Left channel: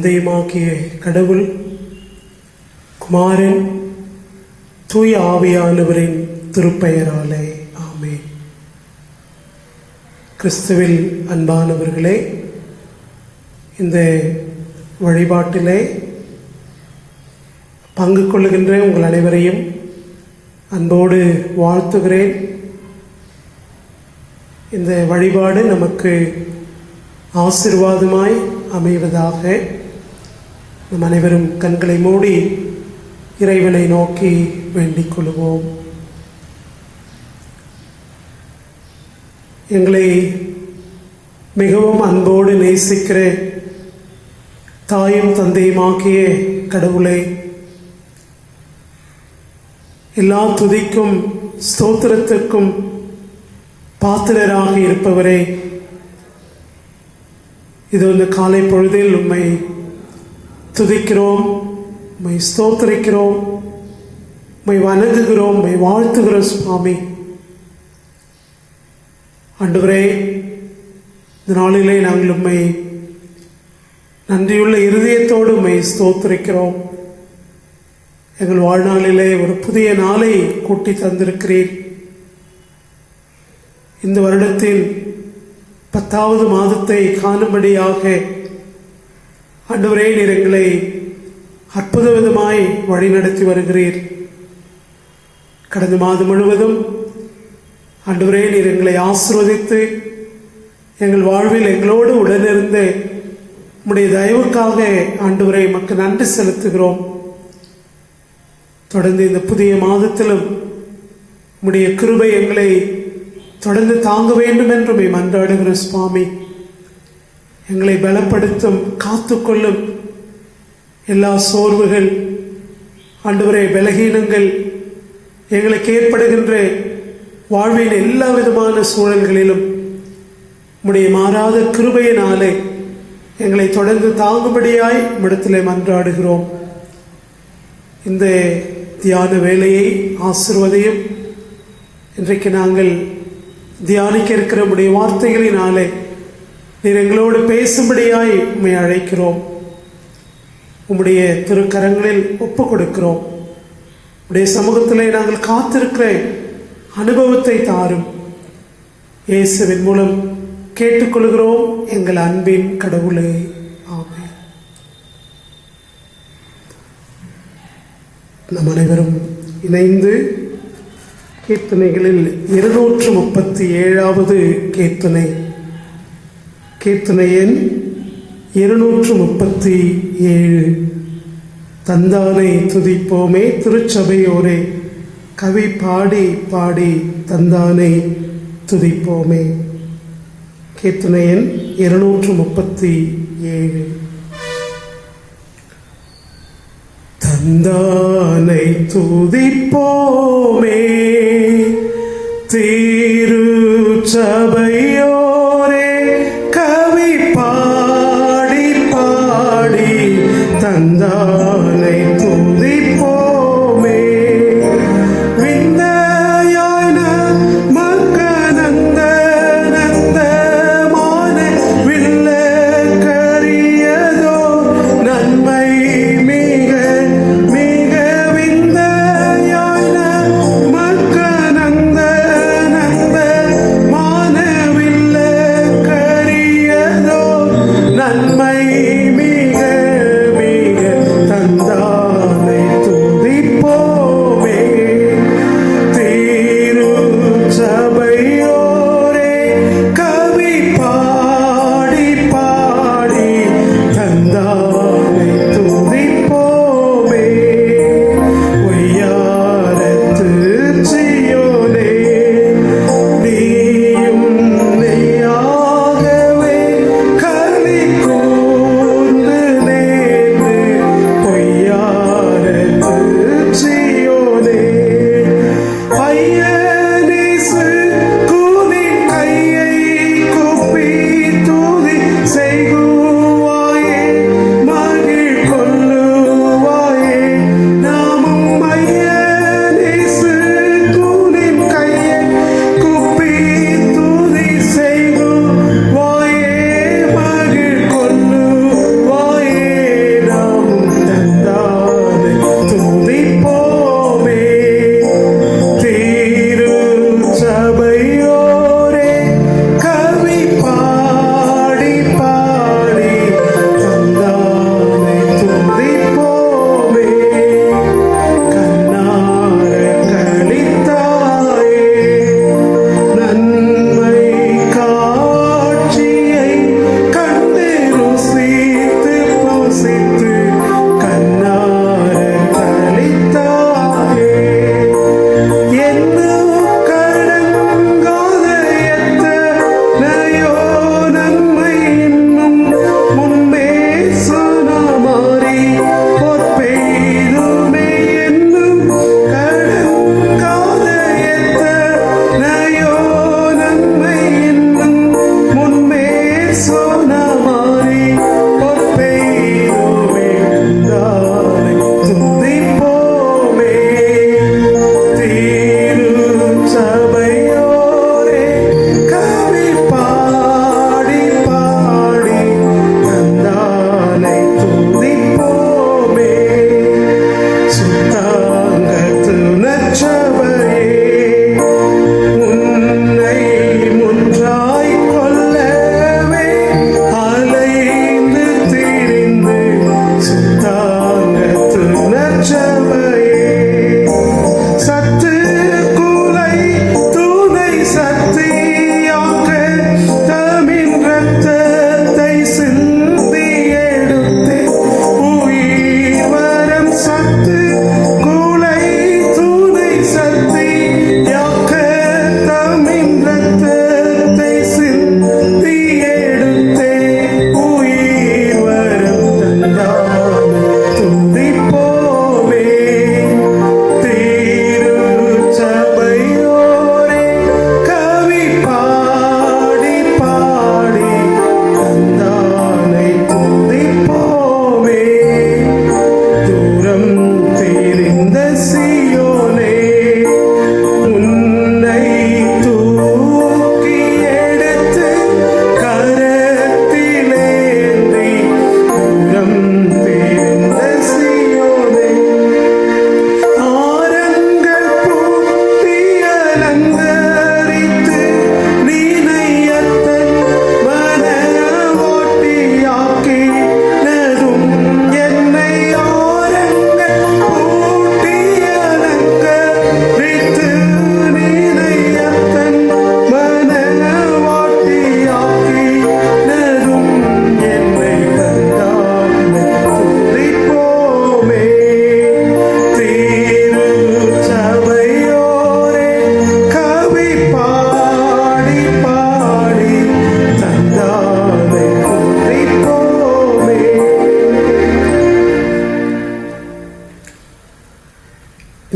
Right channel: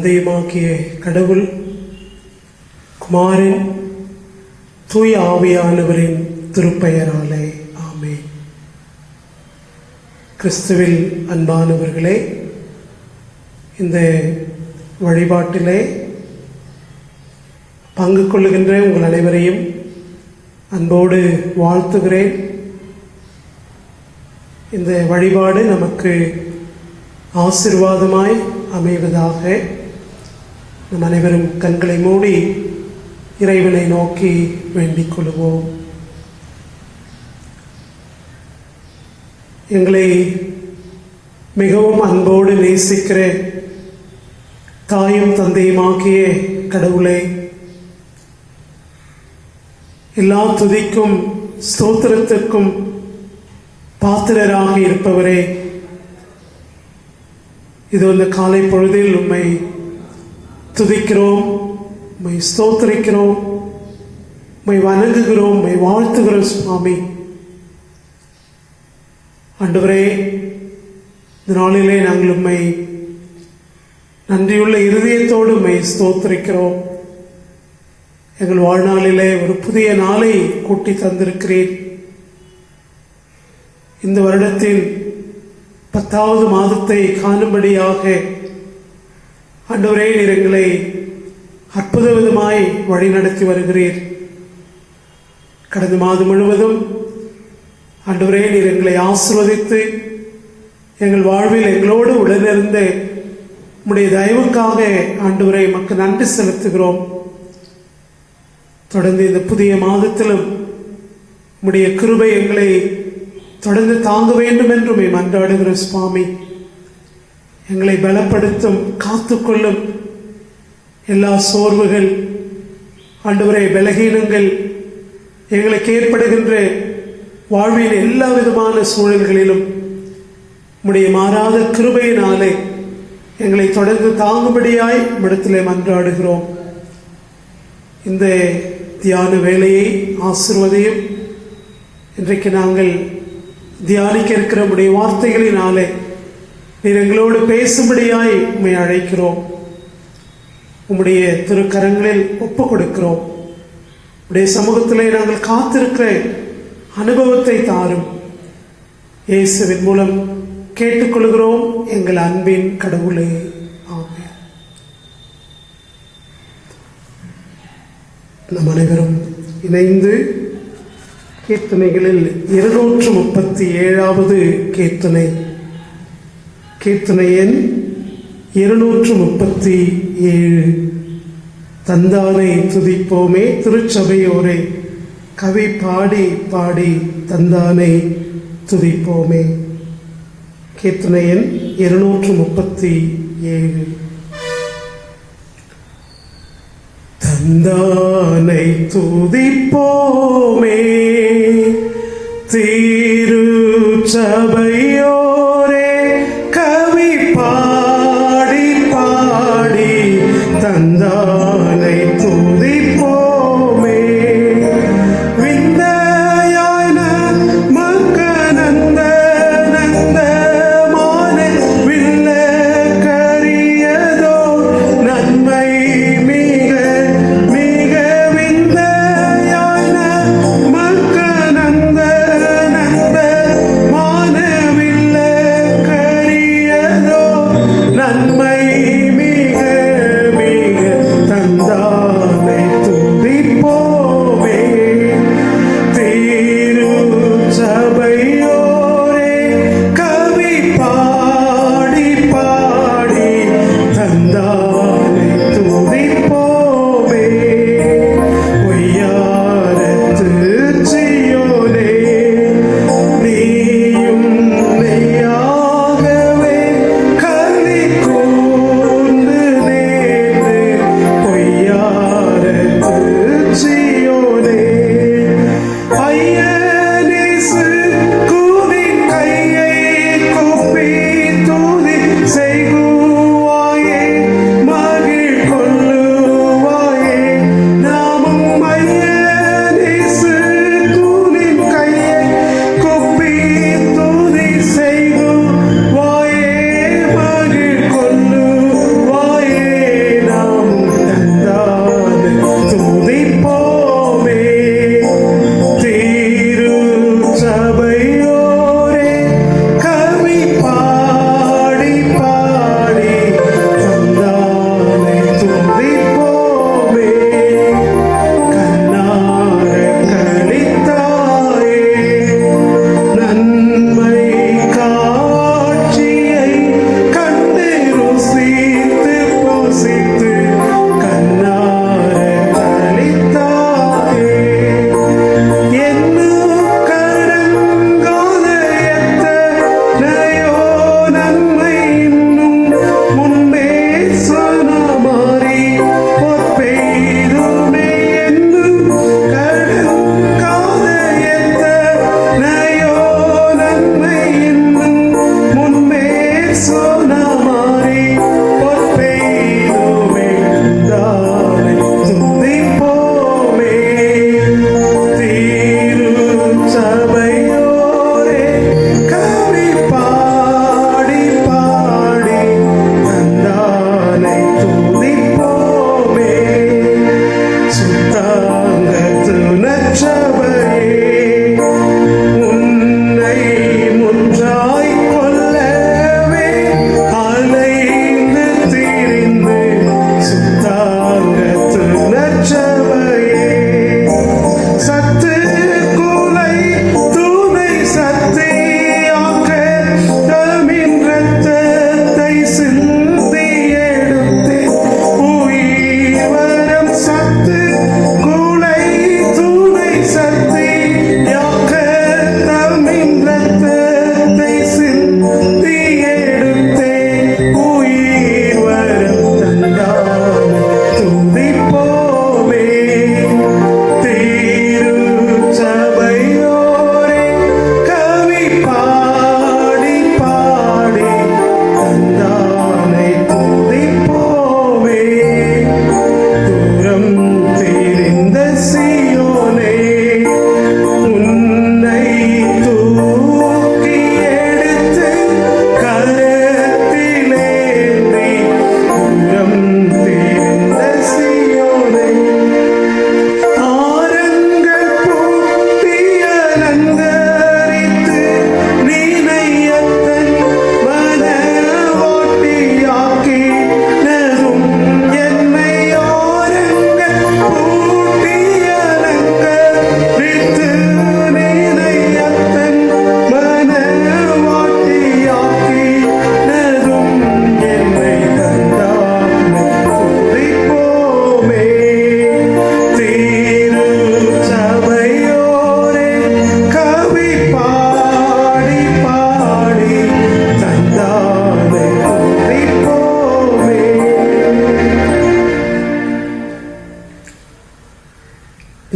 தந்தையுமாகிய கடவுள், குமாரன், தூய ஆவியானவரின் திருப்பெயராலே ஆமென். கிறிஸ்துவில் அன்பானவர்களே, இந்த வழிபாட்டிலே பங்கு கொள்ளுகின்ற உங்கள் அனைவரையும் அன்போடு வாழ்த்துகிறேன். இந்த வழிபாடு நமக்கு ஆசீர்வாதமாய் அமைவதாக. நம் அனைவரும் கண்களை மூடி இறைவனை நோக்கி வேண்டிக் கொள்வோம். எங்களை மிகவும் அன்போடு நேசிக்கிற தாயும் தந்தையுமாகிய கடவுளே, எல்லா துதிக்கும் ஸ்தோத்திரத்திற்கும் பாத்திரராக இருப்பவரே, இது இந்த காலை பொழுதில் உம்மை துதிக்கிறோம், உம்மை ஸ்தோத்திரிக்கிறோம், உம்மை வணங்குகிறோம், உம்மை வாழ்த்துகிறோம் சுவாமி. ஆண்டவரே, இந்த நாளிலே நாங்கள் உம்மை நன்றியுள்ள இருதயத்தோடு உம்மை ஸ்தோத்திரிக்கிறோம். எங்கள் வாழ்நாளிலே ஒரு புதிய நாளை கூட்டி தந்திருக்கிறேன். இந்த வருடத்தில் 10வது மாதத்தை காணும்படியாக ஆண்டவரே, நீர் எங்களை அற்புத விதமாய் வழிநடத்தி வருகிறீர். கடந்த மாதம் முழுவதும் ஆண்டவரே, நீர் எங்களை ஆசீர்வதித்து எங்கள் வாழ்வில் எங்களோடு உடனிருந்த உம்முடைய தயவுக்காக ஆண்டவரே உமக்கு நன்றி செலுத்துகிறோம். தொடர்ந்து இந்த புதிய மாதத்திலும் உம்முடைய கிருபை எங்களை தொடர்ந்து தாங்க வேண்டும் என்று மன்றாடுகிற சுவாமி. எங்களை பலப்படுத்தும், காத்துக்கொள்ளும். எல்லா சோர்வுகள், ஆண்டவரே பலகீனங்கள், எங்களுக்கு ஏற்படுகின்ற வாழ்வின் எல்லா விதமான சூழல்களிலும் உம்முடைய மாறாத கிருபையினாலே எங்களை தொடர்ந்து தாங்கும்படியாய் இடத்திலே மன்றாடுகிறோம். இந்த தியான வேலையை ஆசீர்வதியும். இன்றைக்கு நாங்கள் தியானிக்க இருக்கிற உம்முடைய வார்த்தைகளினாலே நீர் எங்களோடு பேசும்படியாய் உம்மை அழைக்கிறோம். உம்முடைய திருக்கரங்களில் ஒப்புக் கொடுக்கிறோம். உம்முடைய சமூகத்திலே நாங்கள் காத்திருக்கிற அனுபவத்தை தாரும். இயேசுவின் மூலம் கேட்டுக்கொள்கிறோம் எங்கள் அன்பின் கடவுளே, ஆமென். நம் அனைவரும் இணைந்து கீர்த்தனைகளில் 237வது கீர்த்தனை, கீர்த்தனை எண் 237. தந்தானை துதிப்போமே திருச்சபையோரே, கவி பாடி பாடி தந்தானை துதிப்போமே. கீர்த்தனை எண் 237. தந்தானை துதிப்போமே திருச்சபையோரே, கவி பாடி பாடி தந்தானை துதிப்போமே. விந்தையாய் நமக்கனந்த நந்தமான வில்லக்கரியதோ நன்மை மிக மிக. விந்தையாய் நமக்கனந்த நந்தமான வில்லக்கரியதோ நன்மை மிக மிக.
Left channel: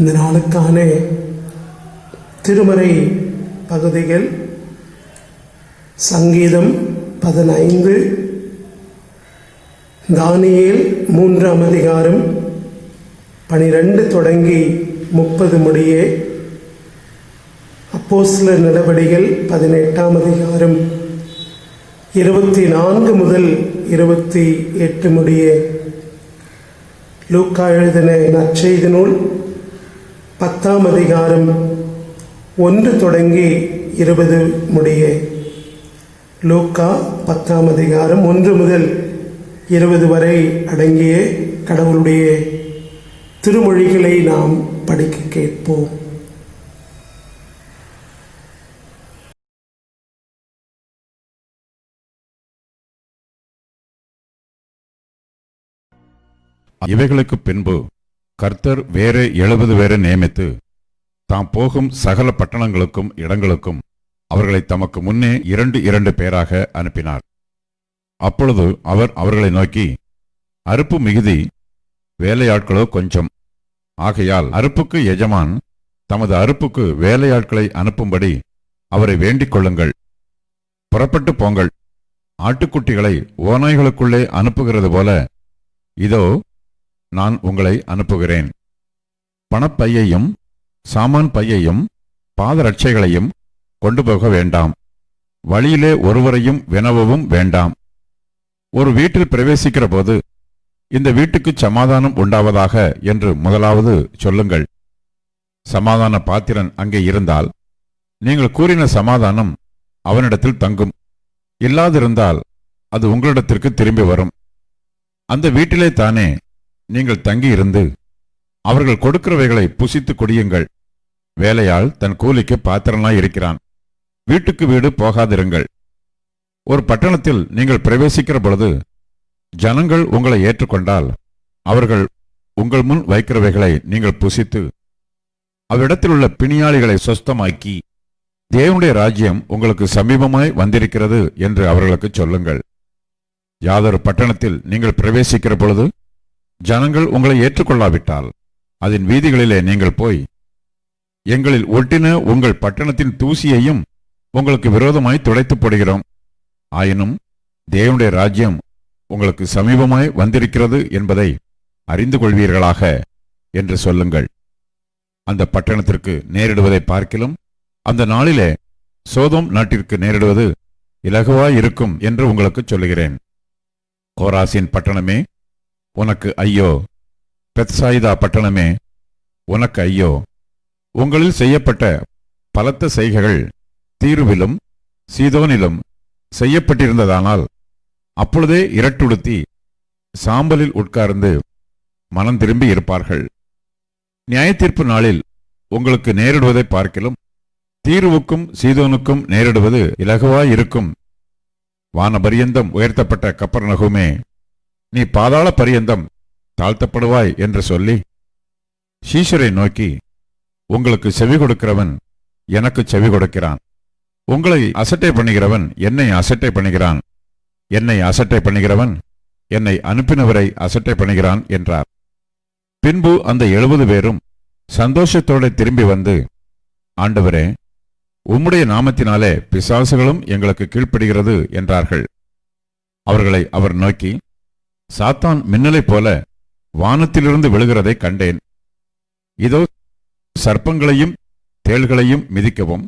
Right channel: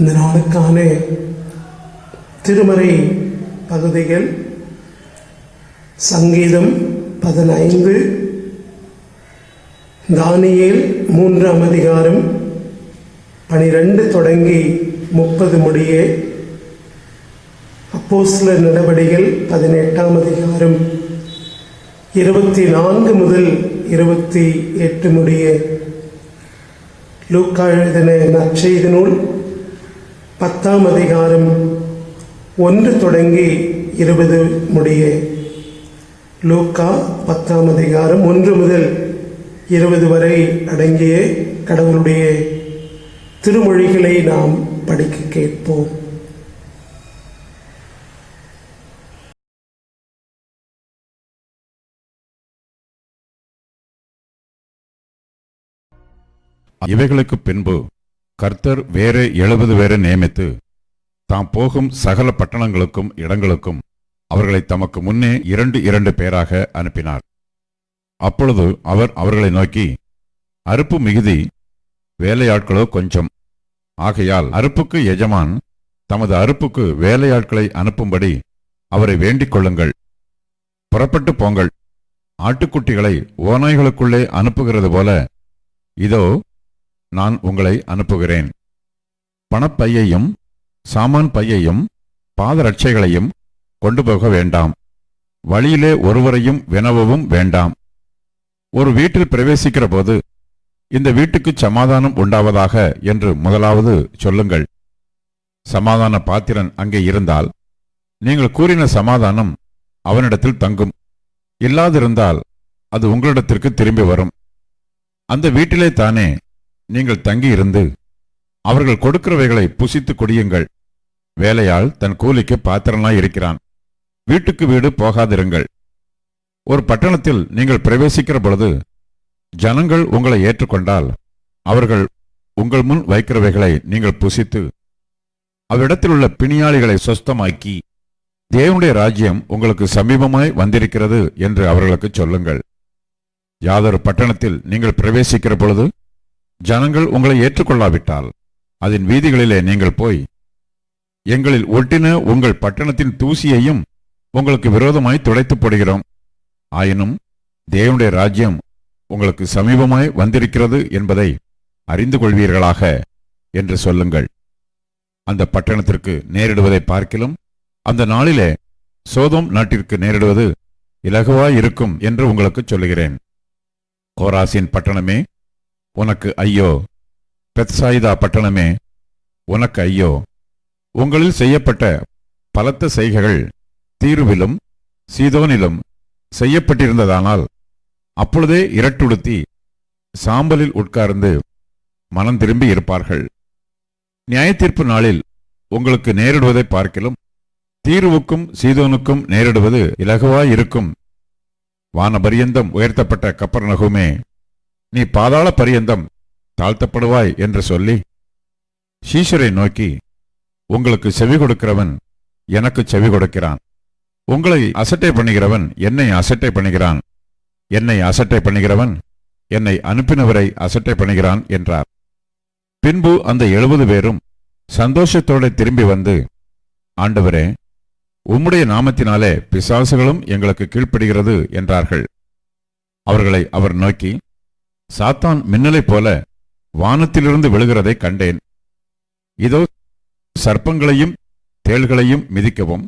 இந்த நாளுக்கான திருமறை பகுதிகள் சங்கீதம் 15, தானியேல் 3ஆம் அதிகாரம் 12 தொடங்கி 30 முடிய, அப்போஸ்தலர் நடவடிக்கைகள் 18ஆம் அதிகாரம் 24 முதல் 28 முடிய, லூக்கா எழுதின நற்செய்தி நூல் 10ஆம் அதிகாரம் 1 தொடங்கி 20 முடிய. லூக்கா 10ஆம் அதிகாரம் 1 முதல் 20 வரை அடங்கிய கடவுளுடைய திருமொழிகளை நாம் படிக்க கேட்போம். இவைகளுக்கு பின்பு கர்த்தர் வேறு 70 பேரை நியமித்து தாம் போகும் சகல பட்டணங்களுக்கும் இடங்களுக்கும் அவர்களை தமக்கு முன்னே 2 பேராக அனுப்பினார். அப்பொழுது அவர் அவர்களை நோக்கி, அறுப்பு மிகுதி, வேலையாட்களோ கொஞ்சம். ஆகையால் அறுப்புக்கு எஜமான் தமது அறுப்புக்கு வேலையாட்களை அனுப்பும்படி அவரை வேண்டிக் கொள்ளுங்கள். புறப்பட்டு போங்கள். ஆட்டுக்குட்டிகளை ஓநாய்களுக்குள்ளே அனுப்புகிறது போல இதோ நான் உங்களை அனுப்புகிறேன். பணப்பையையும் சாமான் பையையும் பாதரட்சைகளையும் கொண்டு போக வேண்டாம். வழியிலே ஒருவரையும் வினவவும் வேண்டாம். ஒரு வீட்டில் பிரவேசிக்கிற போது, இந்த வீட்டுக்கு சமாதானம் உண்டாவதாக என்று முதலாவது சொல்லுங்கள். சமாதான பாத்திரன் அங்கே இருந்தால் நீங்கள் கூறின சமாதானம் அவனிடத்தில் தங்கும். இல்லாதிருந்தால் அது உங்களிடத்திற்கு திரும்பி வரும். அந்த வீட்டிலே தானே நீங்கள் தங்கியிருந்து அவர்கள் கொடுக்கிறவைகளை புசித்து குடியுங்கள். வேலையாள் தன் கூலிக்கு பாத்திரனாய் இருக்கிறான். வீட்டுக்கு வீடு போகாதிருங்கள். ஒரு பட்டணத்தில் நீங்கள் பிரவேசிக்கிற பொழுது ஜனங்கள் உங்களை ஏற்றுக்கொண்டால் அவர்கள் உங்கள் முன் வைக்கிறவைகளை நீங்கள் புசித்து அவ்விடத்தில் உள்ள பிணியாளிகளை சொஸ்தமாக்கி, தேவனுடைய ராஜ்யம் உங்களுக்கு சமீபமாய் வந்திருக்கிறது என்று அவர்களுக்கு சொல்லுங்கள். யாதொரு பட்டணத்தில் நீங்கள் பிரவேசிக்கிற பொழுது ஜனங்கள் உங்களை ஏற்றுக்கொள்ளாவிட்டால் அதன் வீதிகளிலே நீங்கள் போய், எங்களில் ஒட்டின உங்கள் பட்டணத்தின் தூசியையும் உங்களுக்கு விரோதமாய் துடைத்து போடுகிறோம். ஆயினும் தேவனுடைய ராஜ்யம் உங்களுக்கு சமீபமாய் வந்திருக்கிறது என்பதை அறிந்து கொள்வீர்களாக என்று சொல்லுங்கள். அந்த பட்டணத்திற்கு நேரிடுவதை பார்க்கிலும் அந்த நாளிலே சோதோம் நாட்டிற்கு நேரிடுவது இலகுவாயிருக்கும் என்று உங்களுக்கு சொல்லுகிறேன். கோராசின் பட்டணமே, உனக்கு ஐயோ! பெத்சாயிதா பட்டணமே, உனக்கு ஐயோ! உங்களில் செய்யப்பட்ட பலத்த செய்கைகள் தீருவிலும் சீதோனிலும் செய்யப்பட்டிருந்ததானால் அப்பொழுதே இரட்டுடுத்தி சாம்பலில் உட்கார்ந்து மனம் திரும்பி இருப்பார்கள். நியாயத்தீர்ப்பு நாளில் உங்களுக்கு நேரிடுவதை பார்க்கிலும் தீருவுக்கும் சீதோனுக்கும் நேரிடுவது இலகுவாயிருக்கும். வானபரியந்தம் உயர்த்தப்பட்ட கப்பர்நகூமே, நீ பாதாள பரியந்தம் தாழ்த்தப்படுவாய் என்று சொல்லி சீஷரை நோக்கி, உங்களுக்கு செவி கொடுக்கிறவன் எனக்கு செவி கொடுக்கிறான். உங்களை அசட்டை பண்ணுகிறவன் என்னை அசட்டை பண்ணுகிறான். என்னை அசட்டை பண்ணுகிறவன் என்னை அனுப்பினவரை அசட்டை பண்ணுகிறான் என்றார். பின்பு அந்த 70 பேரும் சந்தோஷத்தோடு திரும்பி வந்து, ஆண்டவரே, உம்முடைய நாமத்தினாலே பிசாசுகளும் எங்களுக்கு கீழ்ப்படுகிறது என்றார்கள். அவர்களை அவர் நோக்கி, சாத்தான் மின்னலைப் போல வானத்திலிருந்து விழுகிறதை கண்டேன். இதோ சர்ப்பங்களையும் தேள்களையும் மிதிக்கவும்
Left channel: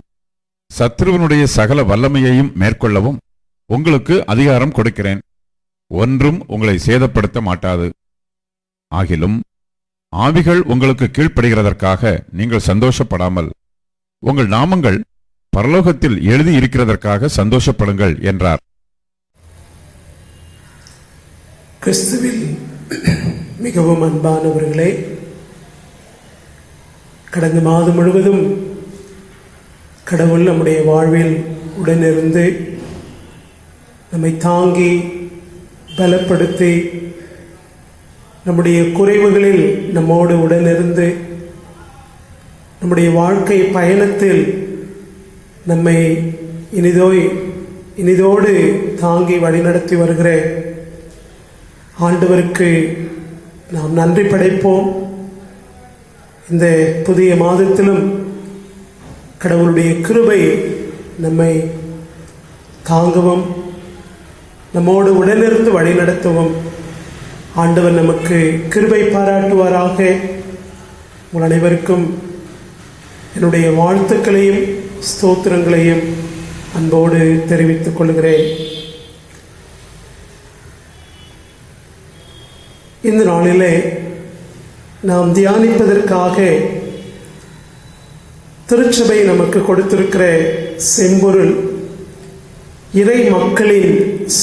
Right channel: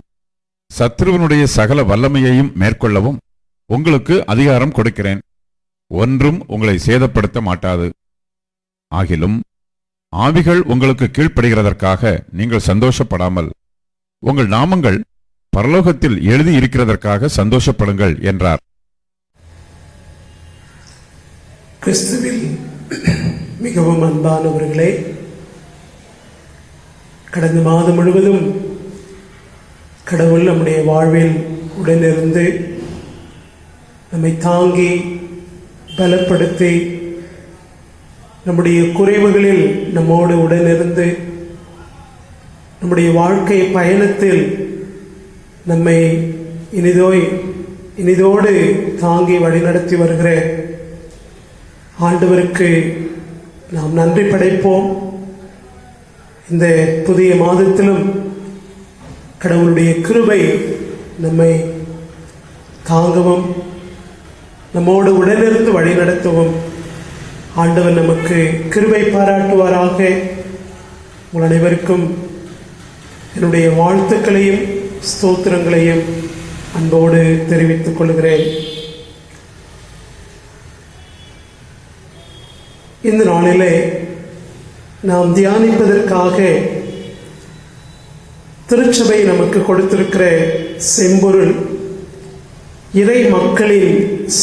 சத்ருவனுடைய சகல வல்லமையையும் மேற்கொள்ளவும் உங்களுக்கு அதிகாரம் கொடுக்கிறேன். ஒன்றும் உங்களை சேதப்படுத்த மாட்டாது. ஆகிலும் ஆவிகள் உங்களுக்கு கீழ்ப்படுகிறதற்காக நீங்கள் சந்தோஷப்படாமல் உங்கள் நாமங்கள் பரலோகத்தில் எழுதி இருக்கிறதற்காக சந்தோஷப்படுங்கள் என்றார். கிறிஸ்துவில் மிகவும் அன்பானவர்களே, கடந்த மாதம் முழுவதும் கடவுள் நம்முடைய வாழ்வில் உடனிருந்து நம்மை தாங்கி பலப்படுத்தி நம்முடைய குறைவுகளில் நம்மோடு உடனிருந்து நம்முடைய வாழ்க்கை பயணத்தில் நம்மை இனிதோடு தாங்கி வழிநடத்தி வருகிற ஆண்டவருக்கு நாம் நன்றி படைப்போம். இந்த புதிய மாதத்திலும் கடவுளுடைய கிருபை நம்மை தாங்கவும் நம்மோடு உடனிருந்து வழிநடத்தவும் ஆண்டவர் நமக்கு கிருபை பாராட்டுவாராக. உங்கள் அனைவருக்கும் என்னுடைய வாழ்த்துக்களையும் ஸ்தோத்திரங்களையும் அன்போடு தெரிவித்துக் கொள்கிறேன். இந்த நாளிலே நாம் தியானிப்பதற்காக திருச்சபை நமக்கு கொடுத்திருக்கிற செம்பொருள் இறை மக்களின்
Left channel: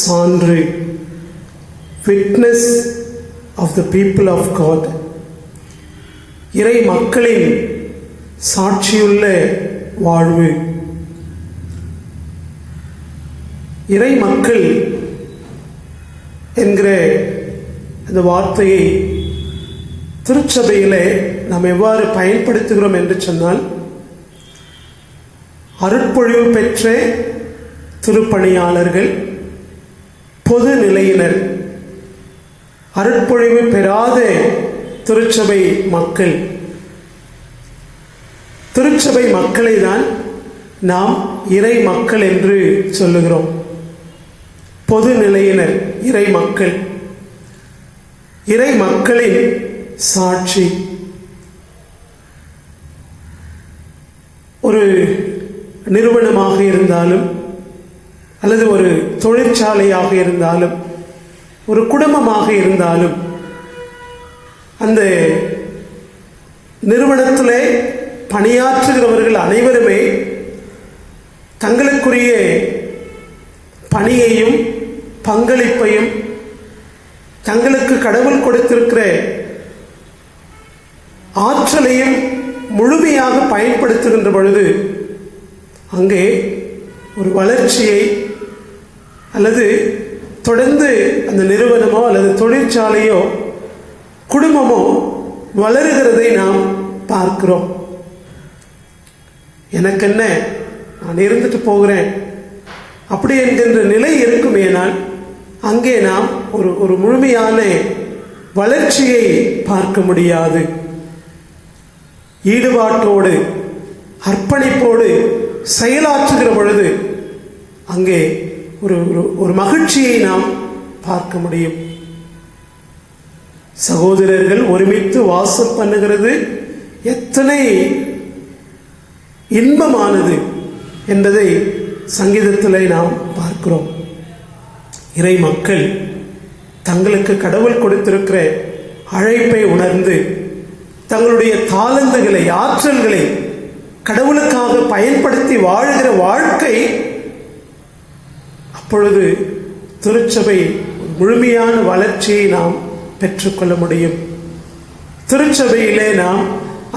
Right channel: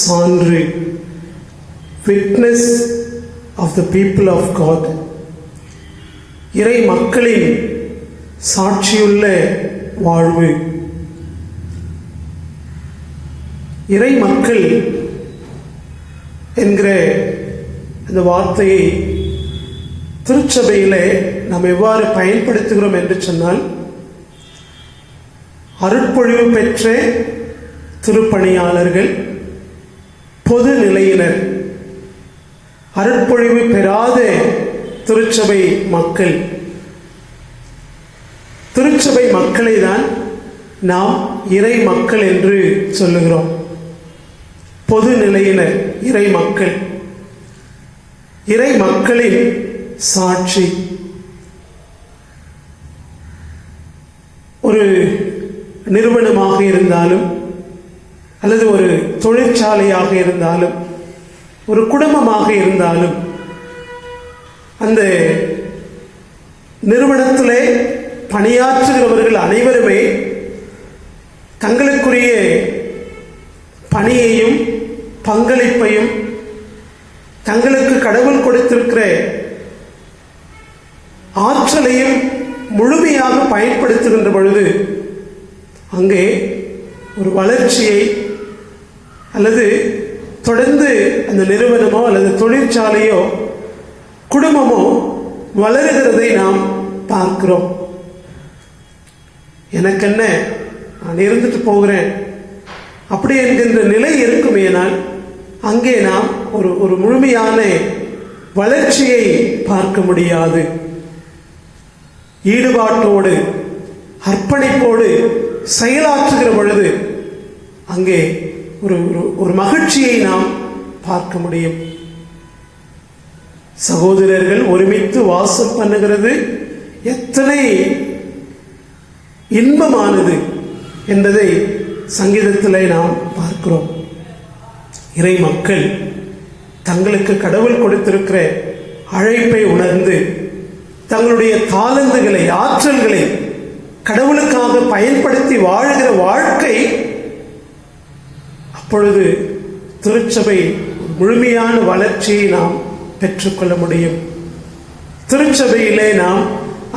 சான்று, witness of the people of God. இறை மக்களின் சாட்சியுள்ள வாழ்வு. இறை மக்கள் என்கிற இந்த வார்த்தையை திருச்சபையிலே நாம் எவ்வாறு பயன்படுத்துகிறோம் என்று சொன்னால், அருட்பொழிவு பெற்ற திருப்பணியாளர்கள், பொது நிலையினர், அருட்பொழிவு பெறாத திருச்சபை மக்கள். திருச்சபை மக்களை தான் நாம் இறை மக்கள் என்று சொல்லுகிறோம். பொது நிலையினர் இறை மக்கள், இறை மக்களின் சாட்சி. ஒரு நிறுவனமாக இருந்தாலும் அல்லது ஒரு தொழிற்சாலையாக இருந்தாலும் ஒரு குடும்பமாக இருந்தாலும் அந்த நிறுவனத்திலே பணியாற்றுகிறவர்கள் அனைவருமே தங்களுக்குரிய பணியையும் பங்களிப்பையும் தங்களுக்கு கடவுள் கொடுத்திருக்கிற ஆற்றலையும் முழுமையாக பயன்படுத்துகின்ற பொழுது அங்கே ஒரு வளர்ச்சியை அல்லது தொடர்ந்து அந்த நிறுவனமோ அல்லது தொழிற்சாலையோ குடும்பமோ வளருகிறதை நாம் பார்க்கிறோம். எனக்கென்ன, நான் இருந்துட்டு போகிறேன் அப்படி என்கின்ற நிலை இருக்குமேனால் அங்கே நாம் ஒரு முழுமையான வளர்ச்சியை பார்க்க முடியாது. ஈடுபாட்டோடு அர்ப்பணிப்போடு செயலாற்றுகிற பொழுது அங்கே ஒரு மகிழ்ச்சியை நாம் பார்க்க முடியும். சகோதரர்கள் ஒருமித்து வாசம் பண்ணுகிறது எத்தனை இன்பமானது என்பதை சங்கீதத்திலே நாம் பார்க்கிறோம். இறை மக்கள் தங்களுக்கு கடவுள் கொடுத்திருக்கிற அழைப்பை உணர்ந்து தங்களுடைய தாளந்துகளை, ஆற்றல்களை கடவுளுக்காக பயன்படுத்தி வாழ்கிற வாழ்க்கை, அப்பொழுது திருச்சபை முழுமையான வளர்ச்சியை நாம் பெற்றுக்கொள்ள முடியும். திருச்சபையிலே நாம்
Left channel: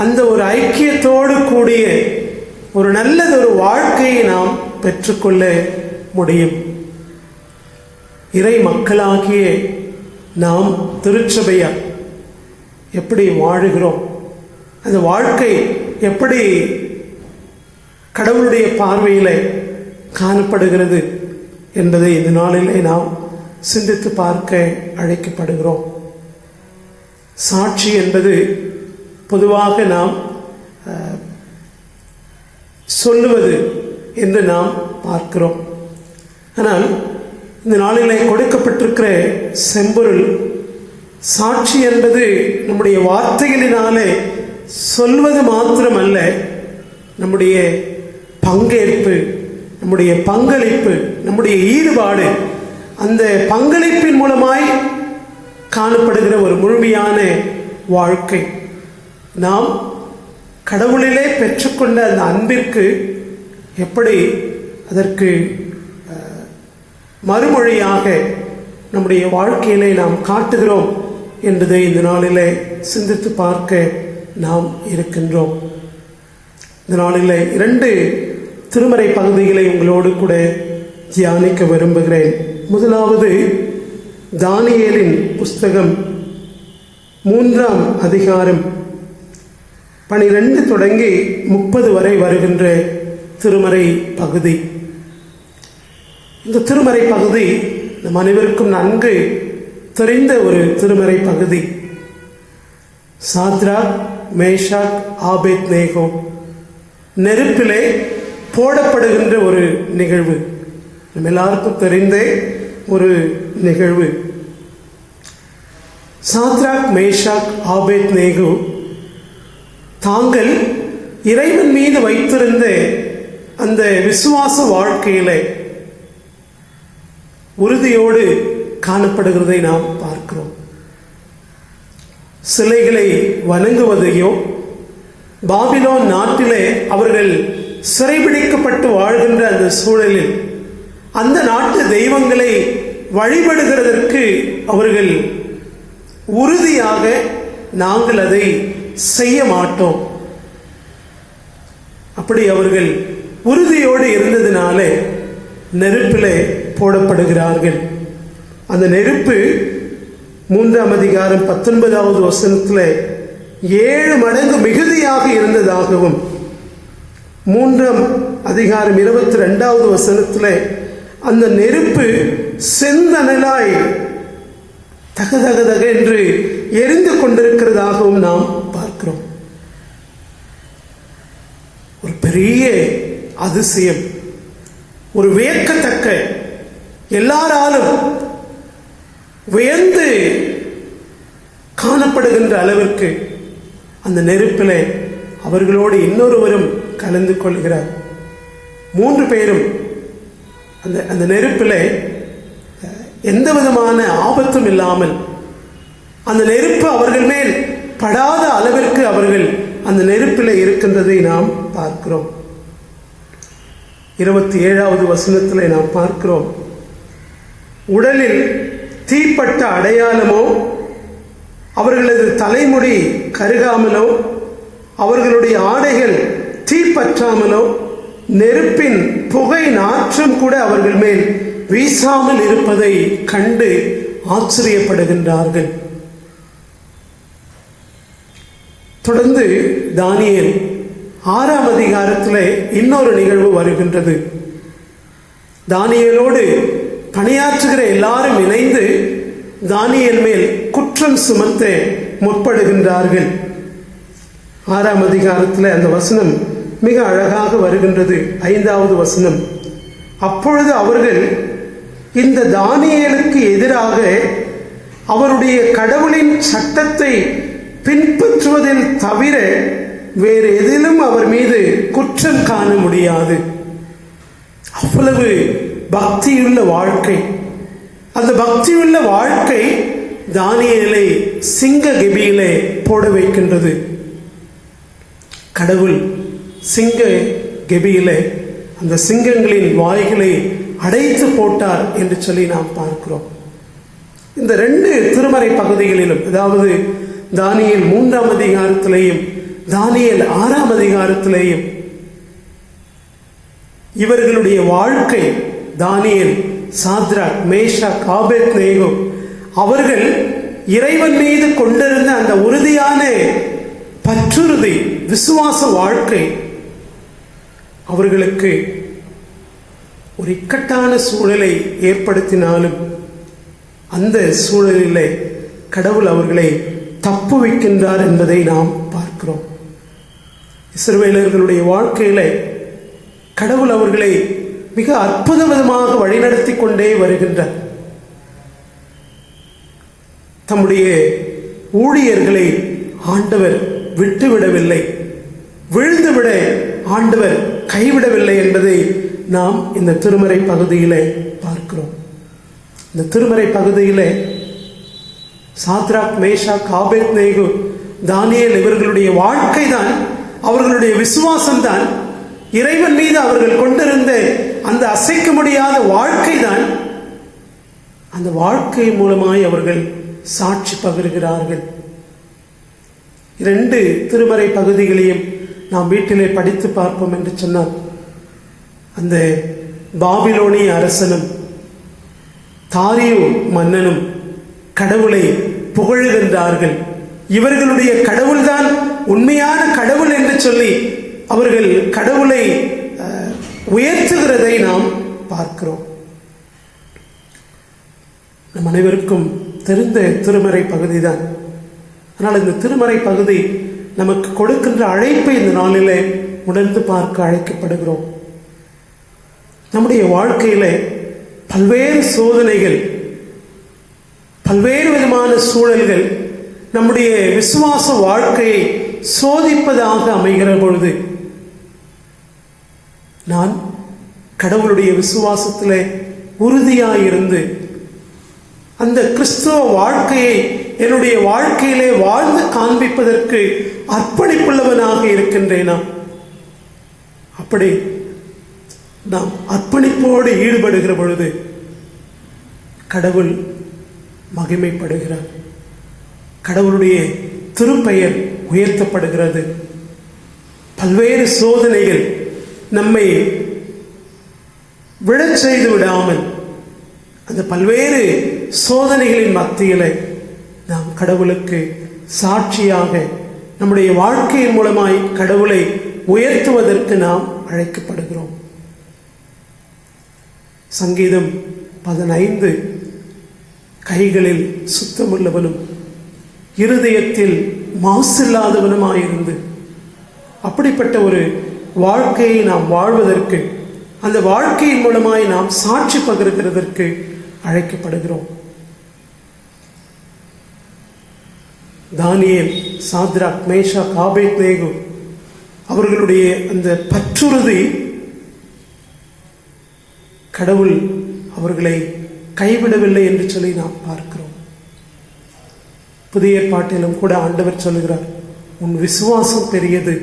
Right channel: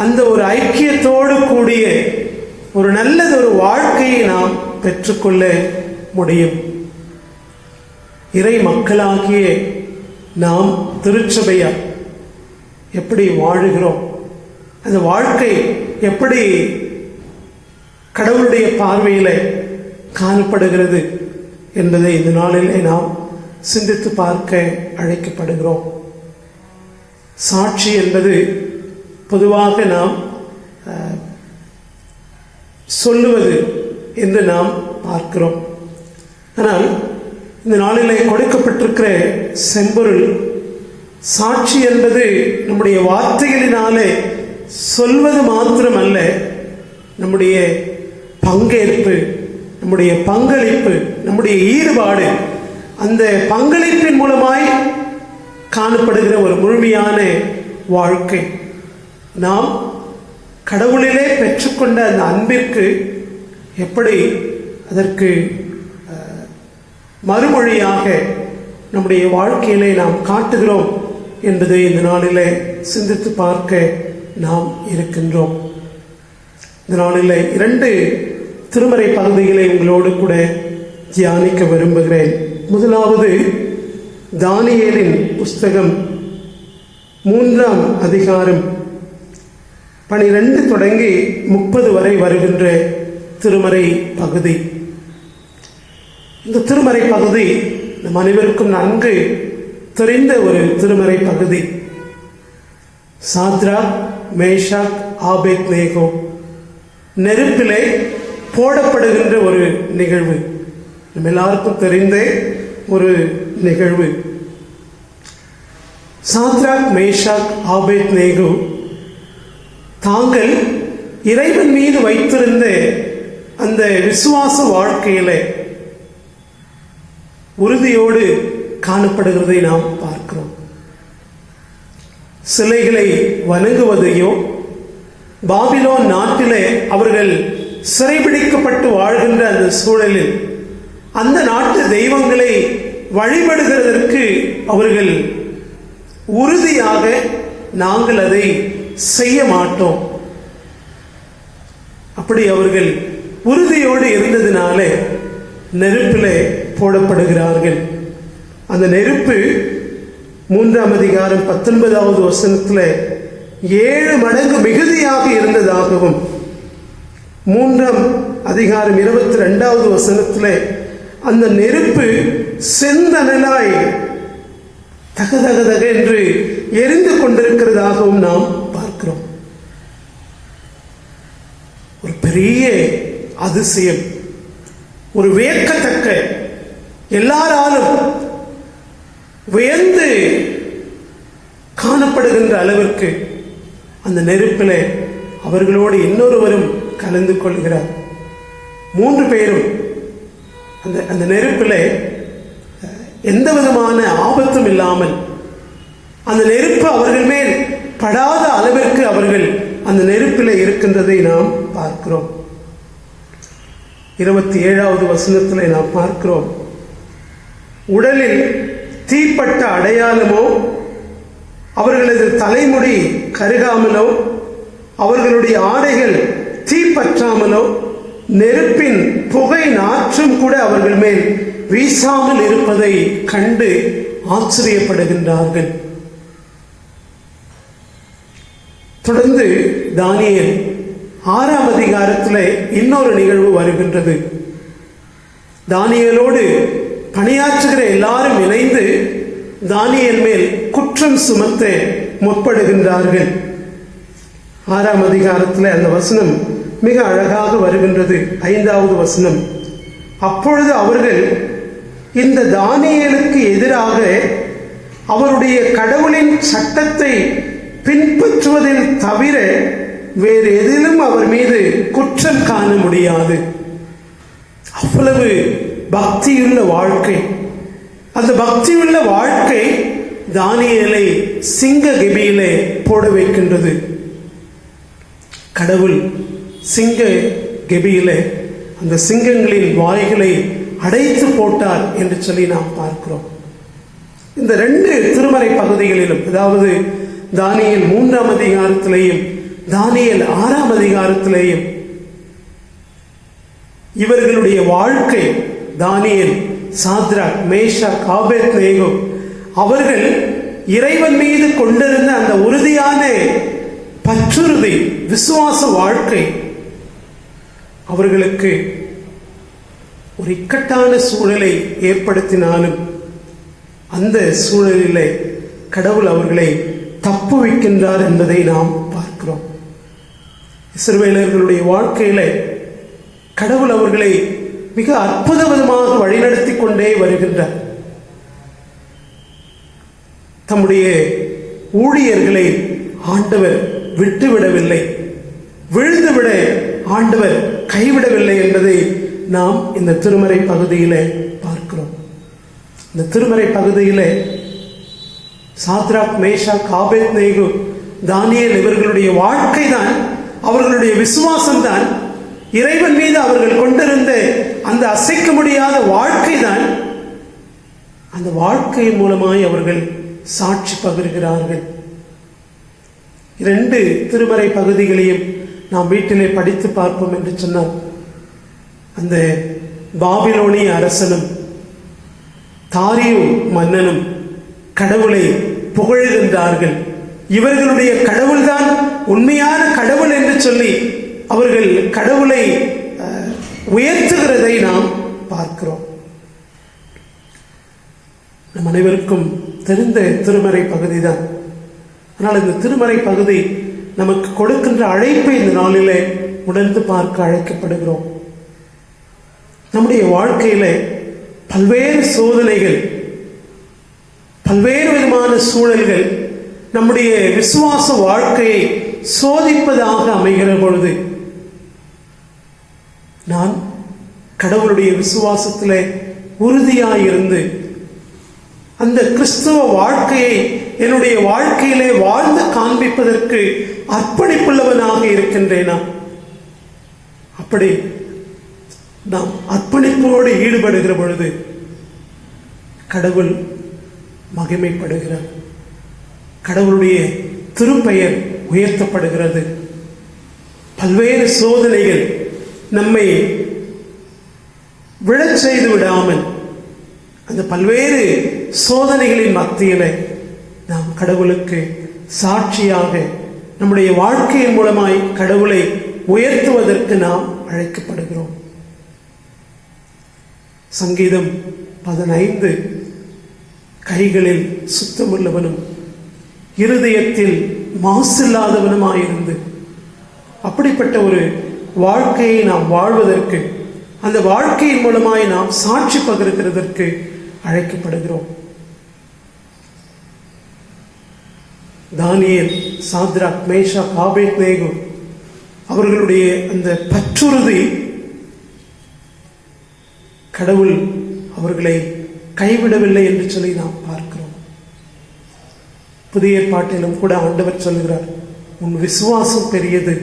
அந்த ஒரு ஐக்கியத்தோடு கூடிய ஒரு நல்லதொரு வாழ்க்கையை நாம் பெற்றுக்கொள்ள முடியும். இறை மக்களாகிய நாம் திருச்சபையா எப்படி வாழுகிறோம், அந்த வாழ்க்கை எப்படி கடவுளுடைய பார்வையில காணப்படுகிறது என்பதை இந்த நாளிலே நாம் சிந்தித்து பார்க்க அழைக்கப்படுகிறோம். சாட்சி என்பது பொதுவாக நாம் சொல்லுவது என்று நாம் பார்க்கிறோம். ஆனால் இந்த நாளிலே கொடுக்கப்பட்டிருக்கிற செம்பொருள் சாட்சி என்பது நம்முடைய வார்த்தைகளினாலே சொல்வது மாத்திரமல்ல, நம்முடைய பங்கேற்பு, நம்முடைய பங்களிப்பு, நம்முடைய ஈடுபாடு, அந்த பங்களிப்பின் மூலமாய் காணப்படுகிற ஒரு முழுமையான வாழ்க்கை. நாம் கடவுளிலே பெற்றுக்கொண்ட அந்த அன்பிற்கு எப்படி அதற்கு மறுமொழியாக நம்முடைய வாழ்க்கையிலே நாம் காட்டுகிறோம் என்பதை இந்த நாளிலே சிந்தித்து பார்க்க நாம் இருக்கின்றோம். இந்த நாளிலே 2 திருமறை பகுதிகளை உங்களோடு கூட தியானிக்க விரும்புகிறேன். முதலாவது தானியேலின் புஸ்தகம் 3ஆம் அதிகாரம் 12 தொடங்கி 30 வரை வருகின்ற திருமறை பகுதி. இந்த திருமறை பகுதி நம் அனைவருக்கும் நன்கு தெரிந்த ஒரு திருமறை பகுதி. சாத்ராக், மேஷாக், ஆபேத்நேகோ நெருப்பிலே போடப்படுகின்ற ஒரு நிகழ்வு. நம்ம எல்லாருக்கும் தெரிந்த ஒரு நிகழ்வு. சாத்ராக், மேஷாக், ஆபேத்நேகோ தாங்கள் இறைவன் மீது வைத்திருந்த அந்த விசுவாச வாழ்க்கையிலே உறுதியோடு காணப்படுகிறதை நாம் பார்க்கிறோம். சிலைகளை வணங்குவதையோ, பாபிலோன் நாட்டிலே அவர்கள் சிறைபிடிக்கப்பட்டு வாழ்கின்ற அந்த சூழலில் அந்த நாட்டு தெய்வங்களை வழிபடுகிறதற்கு அவர்கள் உறுதியாக நாங்கள் அதை செய்ய மாட்டோம், அப்படி அவர்கள் உறுதியோடு இருந்ததினாலே நெருப்பிலே போடப்படுகிறார்கள். அந்த நெருப்பு 3ஆம் அதிகாரம் 19வது வசனத்தில் 7 மடங்கு மிகுதியாக இருந்ததாகவும், 3ஆம் அதிகாரம் 22வது வசனத்தில் அந்த நெருப்பு செந்தனலாய் தகதகதக என்று எரிந்து கொண்டிருக்கிறதாகவும் நாம் பார்க்கிறோம். ஒரு பெரிய அதிசயம், ஒரு வியக்கத்தக்க, எல்லாராலும் வியந்து காணப்படுகின்ற அளவிற்கு அந்த நெருப்பிலே அவர்களோடு இன்னொருவரும் கலந்து கொள்கிறார். 3 பேரும் அந்த நெருப்பிலே எந்த விதமான ஆபத்தும் இல்லாமல், அந்த நெருப்பு அவர்கள் மேல் படாத அளவிற்கு அவர்கள் அந்த நெருப்பிலே இருக்கின்றதை நாம் பார்க்கிறோம். 27வது வசனத்தில் நாம் பார்க்கிறோம், உடலில் தீப்பட்ட அடையாளமோ, அவர்களது தலைமுடி கருகாமலோ, அவர்களுடைய ஆடைகள் தீப்பற்றாமலோ, நெருப்பின் புகை நாற்றம் கூட அவர்கள் மேல் வீசாமல் இருப்பதை கண்டு ஆச்சரியப்படுகின்றார்கள். தொடர்ந்து தானியேல் 6ஆம் அதிகாரத்தில் இன்னொரு நிகழ்வு வருகின்றது. தானியேலோடு பணியாற்றுகிற எல்லாரும் இணைந்து தானியேல் மேல் குற்றம் சுமத்த முற்படுகின்றார்கள். 6ஆம் அதிகாரத்தில் அந்த வசனம் மிக அழகாக வருகின்றது. 5வது வசனம், அப்பொழுது அவர்கள் இந்த தானியேலுக்கு எதிராக அவருடைய கடவுளின் சட்டத்தை பின்பற்றுவதில் தவிர வேறு எதிலும் அவர் மீது குற்றம் காண முடியாது. அவ்வளவு பக்தியுள்ள வாழ்க்கை. அந்த பக்தியுள்ள வாழ்க்கை தானியேலை சிங்க கெபியிலே போட வைக்கின்றது. கடவுள் சிங்க கெபியிலே அந்த சிங்கங்களின் வாய்களை அடைத்து போட்டார் என்று சொல்லி நாம் பார்க்கிறோம். இந்த 2 திருமறை பகுதிகளிலும், அதாவது தானியேல் 3ஆம் அதிகாரத்திலேயும் தானியேல் 6ஆம் அதிகாரத்திலேயும் இவர்களுடைய வாழ்க்கை, தானியேல், சாத்ராக், மேஷாக், ஆபேத்நேகோ அவர்கள் இறைவன் மீது கொண்டிருந்த அந்த உறுதியான பற்றுறுதி, விசுவாச வாழ்க்கை அவர்களுக்கு ஒரு இக்கட்டான சூழலை ஏற்படுத்தினாலும் அந்த சூழலிலே கடவுள் அவர்களை தப்புவிக்கின்றார் என்பதை நாம் பார்க்கிறோம். இஸ்ரவேலர்களுடைய வாழ்க்கையில கடவுள் அவர்களை மிக அற்புதமாக வழிநடத்தி கொண்டே வருகின்றார். தம்முடைய ஊழியர்களை ஆண்டவர் விட்டுவிடவில்லை, விழுந்துவிட ஆண்டவர் கைவிடவில்லை என்பதை நாம் இந்த திருமறை பகுதியிலே பார்க்கிறோம். இந்த திருமறை பகுதியிலே சாத்ராக், மேஷாக், ஆபேத்நேகோ, தானியேல் இவர்களுடைய வாழ்க்கை தான், அவர்களுடைய விசுவாசம் தான், இறைவன் மீது அவர்கள் கொண்டிருந்த அந்த அசைக்க முடியாத வாழ்க்கை தான், அந்த வாழ்க்கை மூலமாய் அவர்கள் சாட்சி பகிர்கிறார்கள். 2 திருமறை பகுதிகளையும் நாம் வீட்டிலே படித்து பார்ப்போம் என்று சொன்னார். அந்த பாபிலோனிய அரசனும் தாரியு மன்னனும் கடவுளை புகழ்கின்றார்கள். இவர்களுடைய கடவுள்தான் உண்மையான கடவுள் என்று சொல்லி அவர்கள் கடவுளை உயர்த்துகிறதை நாம் பார்க்கிறோம். நம் அனைவருக்கும் தெரிந்த திருமறை பகுதிதான். ஆனால் இந்த திருமறை பகுதி நமக்கு கொடுக்கின்ற அழைப்பை இந்த நாளிலே உணர்ந்து பார்க்க அழைக்கப்படுகிறோம். நம்முடைய வாழ்க்கையில பல்வேறு சோதனைகள், பல்வேறு விதமான சூழல்கள் நம்முடைய விசுவாச வாழ்க்கையை சோதிப்பதாக அமைகிற பொழுது நான் கடவுளுடைய விசுவாசத்திலே உறுதியாயிருந்து அந்த கிறிஸ்தவ வாழ்க்கையை என்னுடைய வாழ்க்கையிலே வாழ்ந்து காண்பிப்பதற்கு அர்ப்பணிப்புள்ளவனாக இருக்கின்றேனா? அப்படி நாம் அர்ப்பணிப்போடு ஈடுபடுகிற பொழுது கடவுள் மகிமைப்படுகிறார், கடவுளுடைய திருப்பெயர் உயர்த்தப்படுகிறது. பல்வேறு சோதனைகள் நம்மை விழச் செய்து விடாமல் அந்த பல்வேறு சோதனைகளின் மத்தியிலே நாம் கடவுளுக்கு சாட்சியாக நம்முடைய வாழ்க்கையின் மூலமாய் கடவுளை உயர்த்துவதற்கு நாம் அழைக்கப்படுகிறோம். சங்கீதம் 15 கைகளில் சுத்தமுள்ளவனும் இருதயத்தில் மாசில்லாதவனுமாயிருந்து அப்படிப்பட்ட ஒரு வாழ்க்கையை நாம் வாழ்வதற்கு, அந்த வாழ்க்கையின் மூலமாய் நாம் சாட்சி பகிர்கிறதற்கு அழைக்கப்படுகிறோம். தானியேல், சாத்ராக், மேஷாக், ஆபேத்நேகோ அவர்களுடைய அந்த பற்றுறுதி கடவுள் அவர்களை கைவிடவில்லை என்று சொல்லி நாம் பார்க்கிறோம். புதிய ஏற்பாட்டிலும் கூட ஆண்டவர் சொல்லுகிறார், உன் விசுவாசம் பெரியது,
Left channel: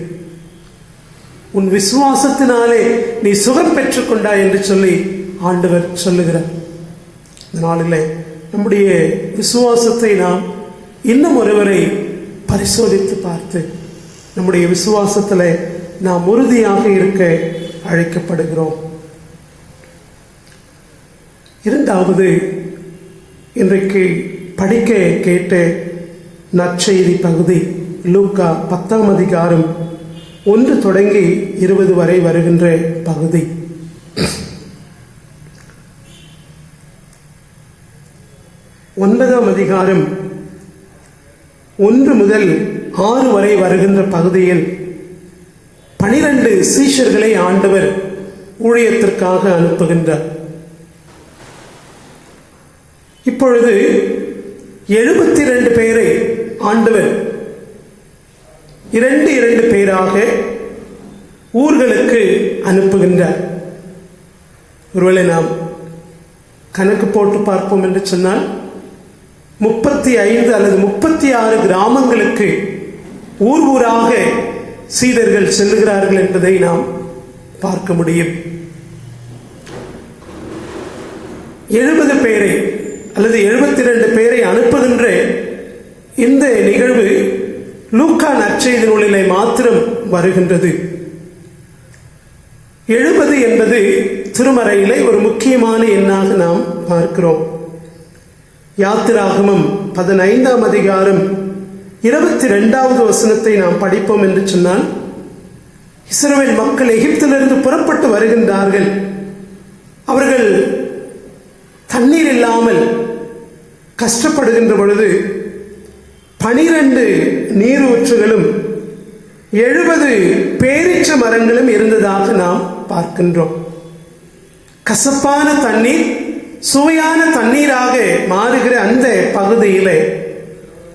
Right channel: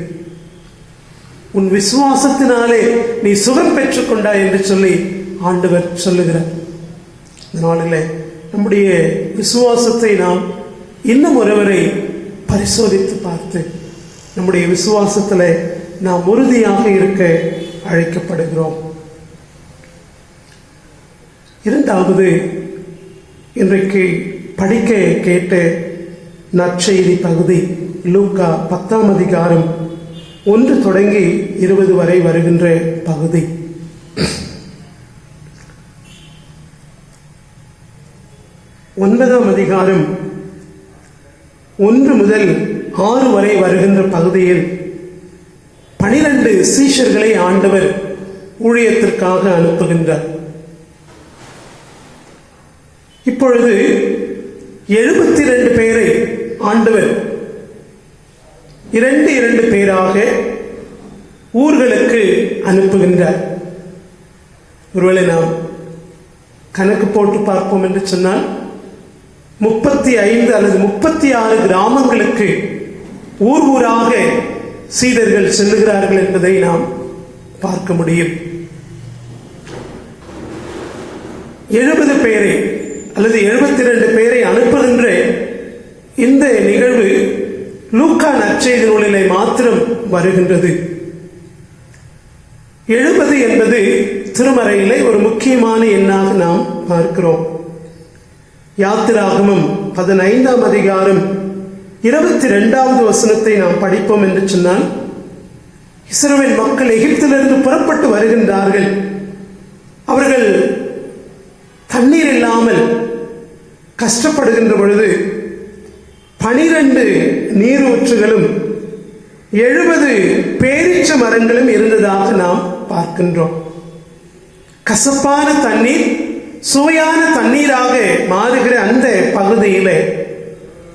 உன் விசுவாசத்தினாலே நீ சுகம் பெற்றுக் கொண்டாய் என்று சொல்லி ஆண்டவர் சொல்லுகிறார். இதனால நம்முடைய விசுவாசத்தை நாம் இன்னும் ஒருவரை பரிசோதித்து பார்த்து நம்முடைய விசுவாசத்தில் நாம் உறுதியாக இருக்க அழைக்கப்படுகிறோம். இரண்டாவது, இன்றைக்கு படிக்க கேட்ட நற்செய்தி பகுதி லூக்கா 10ஆம் அதிகாரம் 1 தொடங்கி 20 வரை வருகின்ற பகுதி. ஒன்பதாம் அதிகாரம் 1 முதல் 6 வரை வருகின்ற பகுதியில் 12 சீஷர்களை ஆண்டவர் ஊழியத்திற்காக அனுப்புகின்றார். இப்பொழுது 72 பேரை ஆண்டவர் 2 பேராக ஊர்களுக்கு அனுப்புகின்றார். ஒருவேளை நாம் கணக்கு போட்டு பார்ப்போம் என்று சொன்னால் 35 அல்லது 36 கிராமங்களுக்கு ஊராக சீடர்கள் செல்லுகிறார்கள் என்பதை நாம் பார்க்க முடியும். 70 பேரை அல்லது 72 பேரை அனுப்புகின்ற இந்த நிகழ்வு லூக்கா நற்செய்தி நூலிலே மாத்திரம் வருகின்றது. 70 என்பது திருமறையிலே ஒரு முக்கியமான எண்ணாக நாம் பார்க்கிறோம். யாத்திராகமம் 15ஆம் அதிகாரம் 22வது வசனத்தை நாம் படிப்போம் என்று சொன்னால், இஸ்ரவேல் மக்கள் எகிப்திலிருந்து புறப்பட்டு வருகின்றார்கள். அவர்கள் தண்ணீர் இல்லாமல் கஷ்டப்படுகின்ற பொழுது 12 நீரூற்றுகளும் 70 பேரீச்ச மரங்களும் இருந்ததாக நாம் பார்க்கின்றோம். கசப்பான தண்ணீர் சுவையான தண்ணீராக மாறுகிற அந்த பகுதியிலே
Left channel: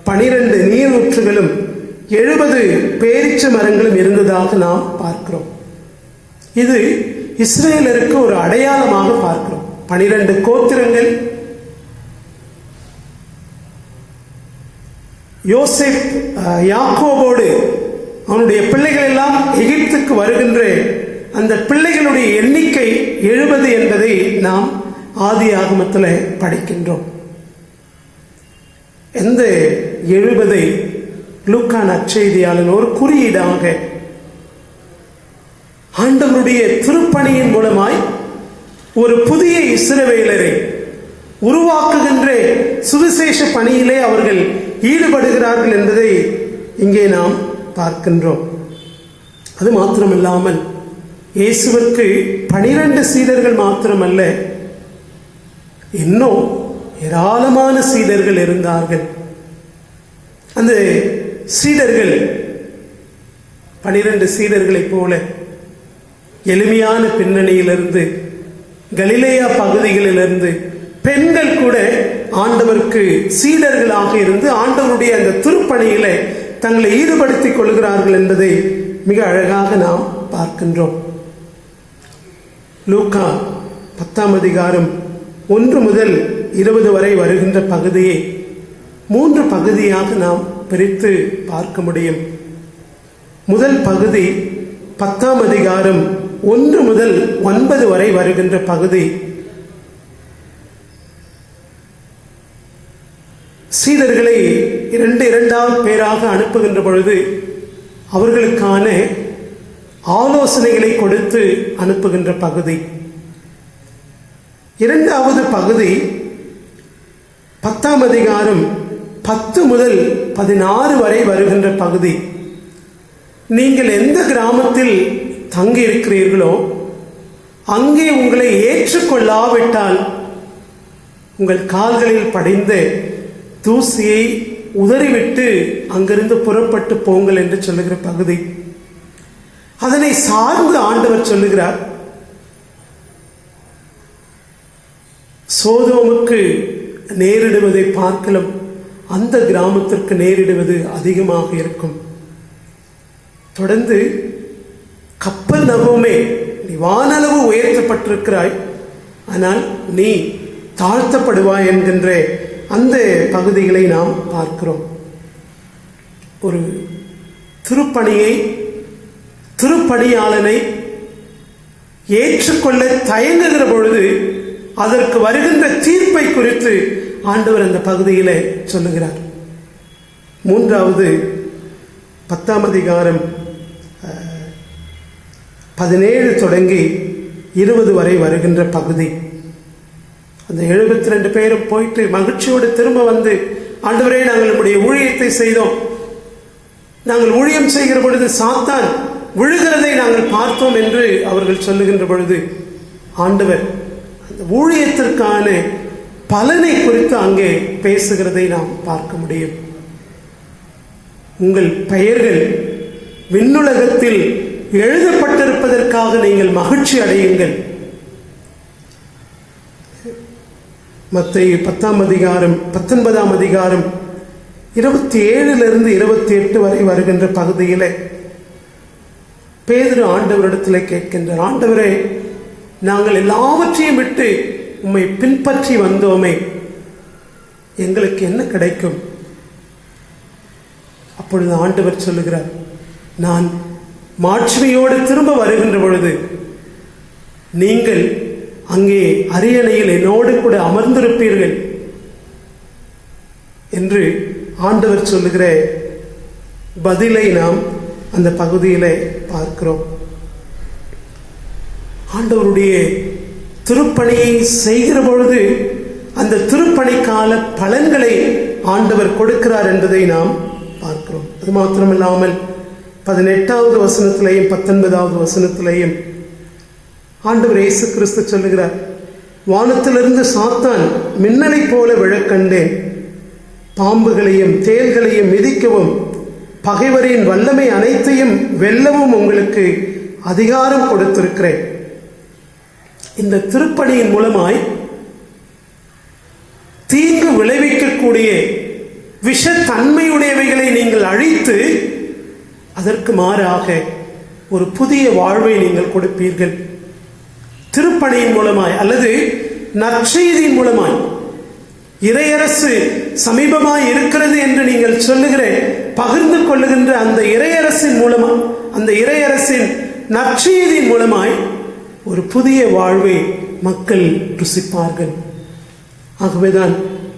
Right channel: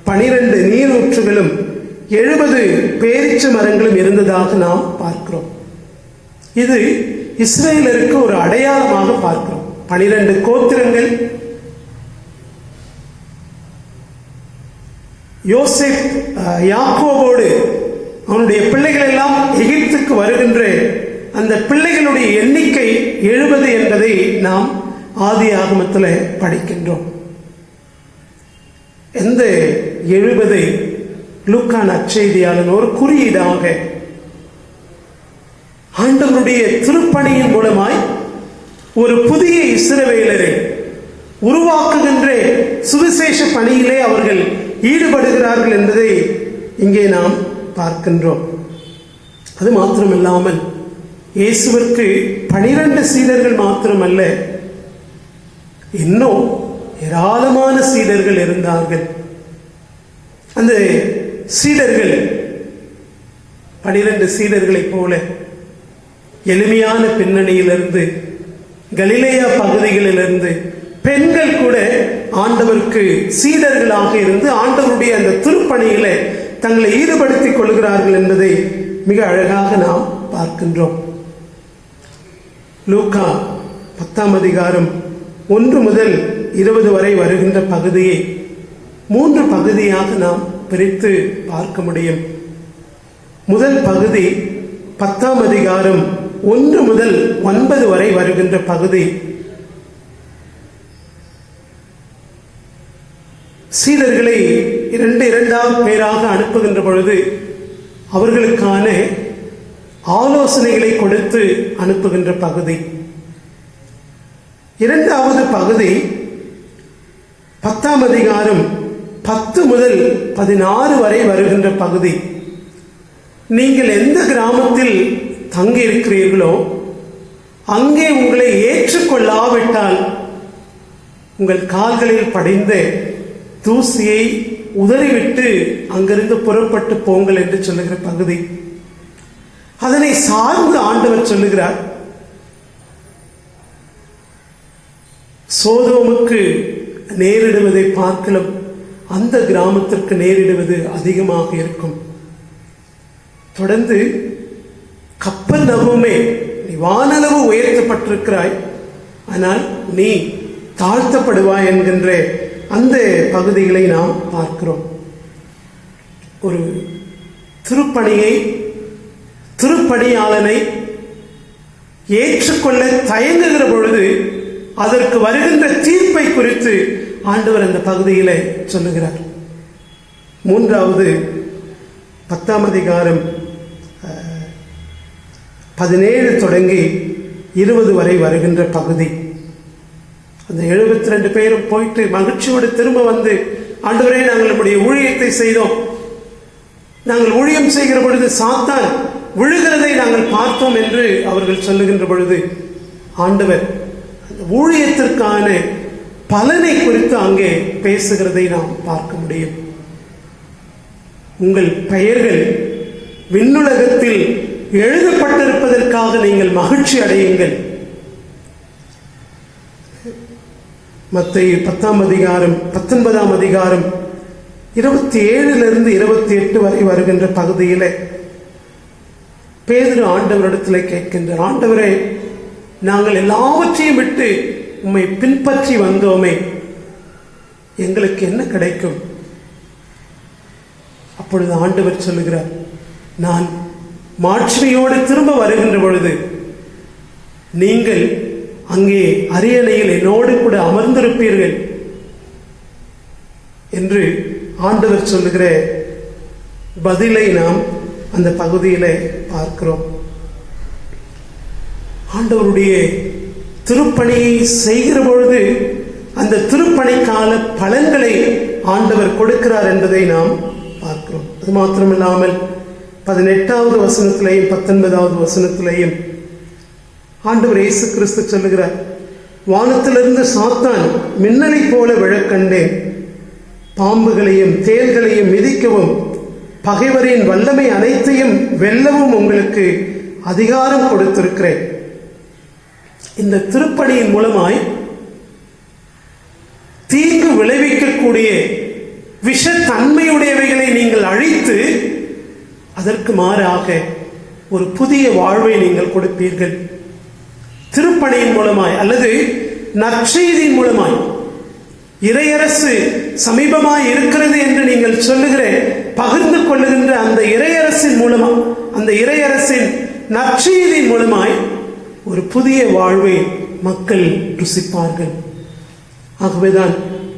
12 நீரூற்றுகளும் 70 பேரீச்ச மரங்களும் இருந்ததாக நாம் பார்க்கிறோம். இது இஸ்ரேலருக்கு ஒரு அடையாளமாக பார்க்கிறோம். 12 கோத்திரங்கள் யோசேப் யாக்கோபோடு அவனுடைய பிள்ளைகள் எல்லாம் எகிப்துக்கு வருகின்ற அந்த பிள்ளைகளுடைய எண்ணிக்கை 70 என்பதை நாம் ஆதி ஆகமத்தில் படிக்கின்றோம். இந்த 70 லூக்கா நற்செய்தியாளர் ஒரு குறியீடாக ஆண்டவருடைய திருப்பணியின் மூலமாய் ஒரு புதிய இஸ்ரவேலரை உருவாக்குகின்ற சுவிசேஷ பணியிலே அவர்கள் ஈடுபடுகிறார்கள் என்பதை இங்கே நாம் பார்க்கின்றோம். அது மாத்திரமில்லாமல் இயேசுவிற்கு 12 சீடர்கள் மாத்திரமல்ல, இன்னும் ஏராளமான சீடர்கள் இருந்தார்கள். அந்த சீடர்கள் 12 சீடர்களைப் போல எளிமையான பின்னணியிலிருந்து, கலிலேயா பகுதிகளிலிருந்து பெண்கள் கூட ஆண்டவருக்கு சீடர்களாக இருந்து ஆண்டவருடைய அந்த திருப்பணியில தங்களை ஈடுபடுத்திக் கொள்கிறார்கள் என்பதை மிக அழகாக நாம் பார்க்கின்றோம். லூக்கா 10ஆம் அதிகாரம் 1 முதல் 20 வரை வருகின்ற பகுதியை 3 பகுதியாக நாம் பிரித்து பார்க்க முடியும். முதல் பகுதி 10ஆம் அதிகாரம் 1 முதல் 9 வரை வருகின்ற பகுதி சீடர்களை 2 பேராக அனுப்புகின்ற பொழுது அவர்களுக்கான ஆலோசனைகளை கொடுத்து அனுப்புகின்ற பகுதி. 2வது பகுதி 10ஆம் அதிகாரம் 10 முதல் 16 வரை வருகின்ற பகுதி. நீங்கள் எந்த கிராமத்தில் தங்கி இருக்கிறீர்களோ அங்கே உங்களை ஏற்றுக்கொள்ளாவிட்டால் உங்கள் கால்களில் படிந்த தூசியை உதறிவிட்டு அங்கிருந்து புறப்பட்டு போங்கள் என்று சொல்லுகிற பகுதி. அதனை சார்ந்து ஆண்டவர் சொல்லுகிறார், சோதோமுக்கு நேரிடுவதை பார்க்கலாம் அந்த கிராமத்திற்கு நேரிடுவது அதிகமாக இருக்கும். தொடர்ந்து கப்பர்நகூமே, நீ வானளவு உயர்த்தப்பட்டிருக்கிறாய், ஆனால் நீ தாழ்த்தப்படுவாய் என்கின்ற அந்த பகுதிகளை நாம் பார்க்கிறோம். ஒரு திருப்பணியாளனை ஏற்றுக்கொள்ள தயங்குகிற பொழுது அதற்கு வருகின்ற தீர்ப்பை குறித்து ஆண்டவர் அந்த பகுதியில சொல்லுகிறார். 3வது 10ஆம் அதிகாரம் 17 தொடங்கி 20 வரை வருகின்ற பகுதி. அந்த 72 பேரும் போயிட்டு மகிழ்ச்சியோடு திரும்ப வந்து, ஆண்டவரே நாங்கள் நம்முடைய ஊழியத்தை செய்தோம், நாங்கள் ஊழியம் செய்கிற பொழுது சாத்தான் விழுகிறதை நாங்கள் பார்த்தோம் என்று அவர்கள் சொல்லுகின்ற பொழுது ஆண்டவர் ஊழியத்திற்கான பலனை குறித்து அங்கே பேசுகிறதை நாம் பார்க்க முடியும். உங்கள் பெயர்கள் விண்ணுலகத்தில் எழுதப்பட்டிருப்பதற்காக நீங்கள் மகிழ்ச்சி அடையுங்கள். மத்தேயு 10ஆம் அதிகாரம் 19ஆம் அதிகாரம் 27 28 வரை வருகின்ற பகுதியில பேதுரு ஆண்டவரிடத்தில் கேட்கின்றார், ஆண்டவரே, நாங்கள் எல்லாவற்றையும் விட்டு உம்மை பின்பற்றி வந்தோமே, எங்களுக்கு என்ன கிடைக்கும்? அப்பொழுது ஆண்டவர் சொல்லுகிறார், நான் மாட்சிமையோடு திரும்ப வருகின்ற பொழுது நீங்கள் அங்கே அரியணையில் என்னோடு கூட அமர்ந்திருப்பீர்கள் என்று ஆண்டவர் சொல்லுகிற பதிலை நாம் அந்த பகுதியிலே பார்க்கிறோம். ஆண்டவருடைய திருப்பணியை செய்கிற பொழுது அந்த திருப்பணிக்கால பலன்களை ஆண்டவர் கொடுக்கிறார் என்பதை நாம் பார்க்கிறோம். அது மாத்திரமில்லாமல் 18வது வசனத்திலேயும் 19வது வசனத்திலேயும் ஆண்டவர் இயேசு கிறிஸ்து சொல்லுகிறார், வானத்திலிருந்து சாத்தான் மின்னலை போல விழக்கண்டேன், பாம்புகளையும் தேள்களையும் மிதிக்கவும் பகைவரின் வல்லமை அனைத்தையும் வெல்லவும் உங்களுக்கு அதிகாரம் கொடுத்திருக்கிறேன். இந்த திருப்பணியின் மூலமாய் தீங்கு விளைவிக்கக்கூடிய விஷத்தன்மையுடையவைகளை நீங்கள் அழித்து அதற்கு மாறாக ஒரு புதிய வாழ்வை நீங்கள் கொடுப்பீர்கள். திருப்பணியின் மூலமாய் அல்லது நற்செய்தியின் மூலமாய் இறையரசு சமீபமாய் இருக்கிறது என்று நீங்கள் சொல்லுகிற பகிர்ந்து கொள்ளுகின்ற அந்த இறையரசின் மூலமா, அந்த இறையரசின் நற்செய்தியின் மூலமாய் ஒரு புதிய வாழ்வை மக்கள் ருசிப்பார்கள். ஆகவேதான்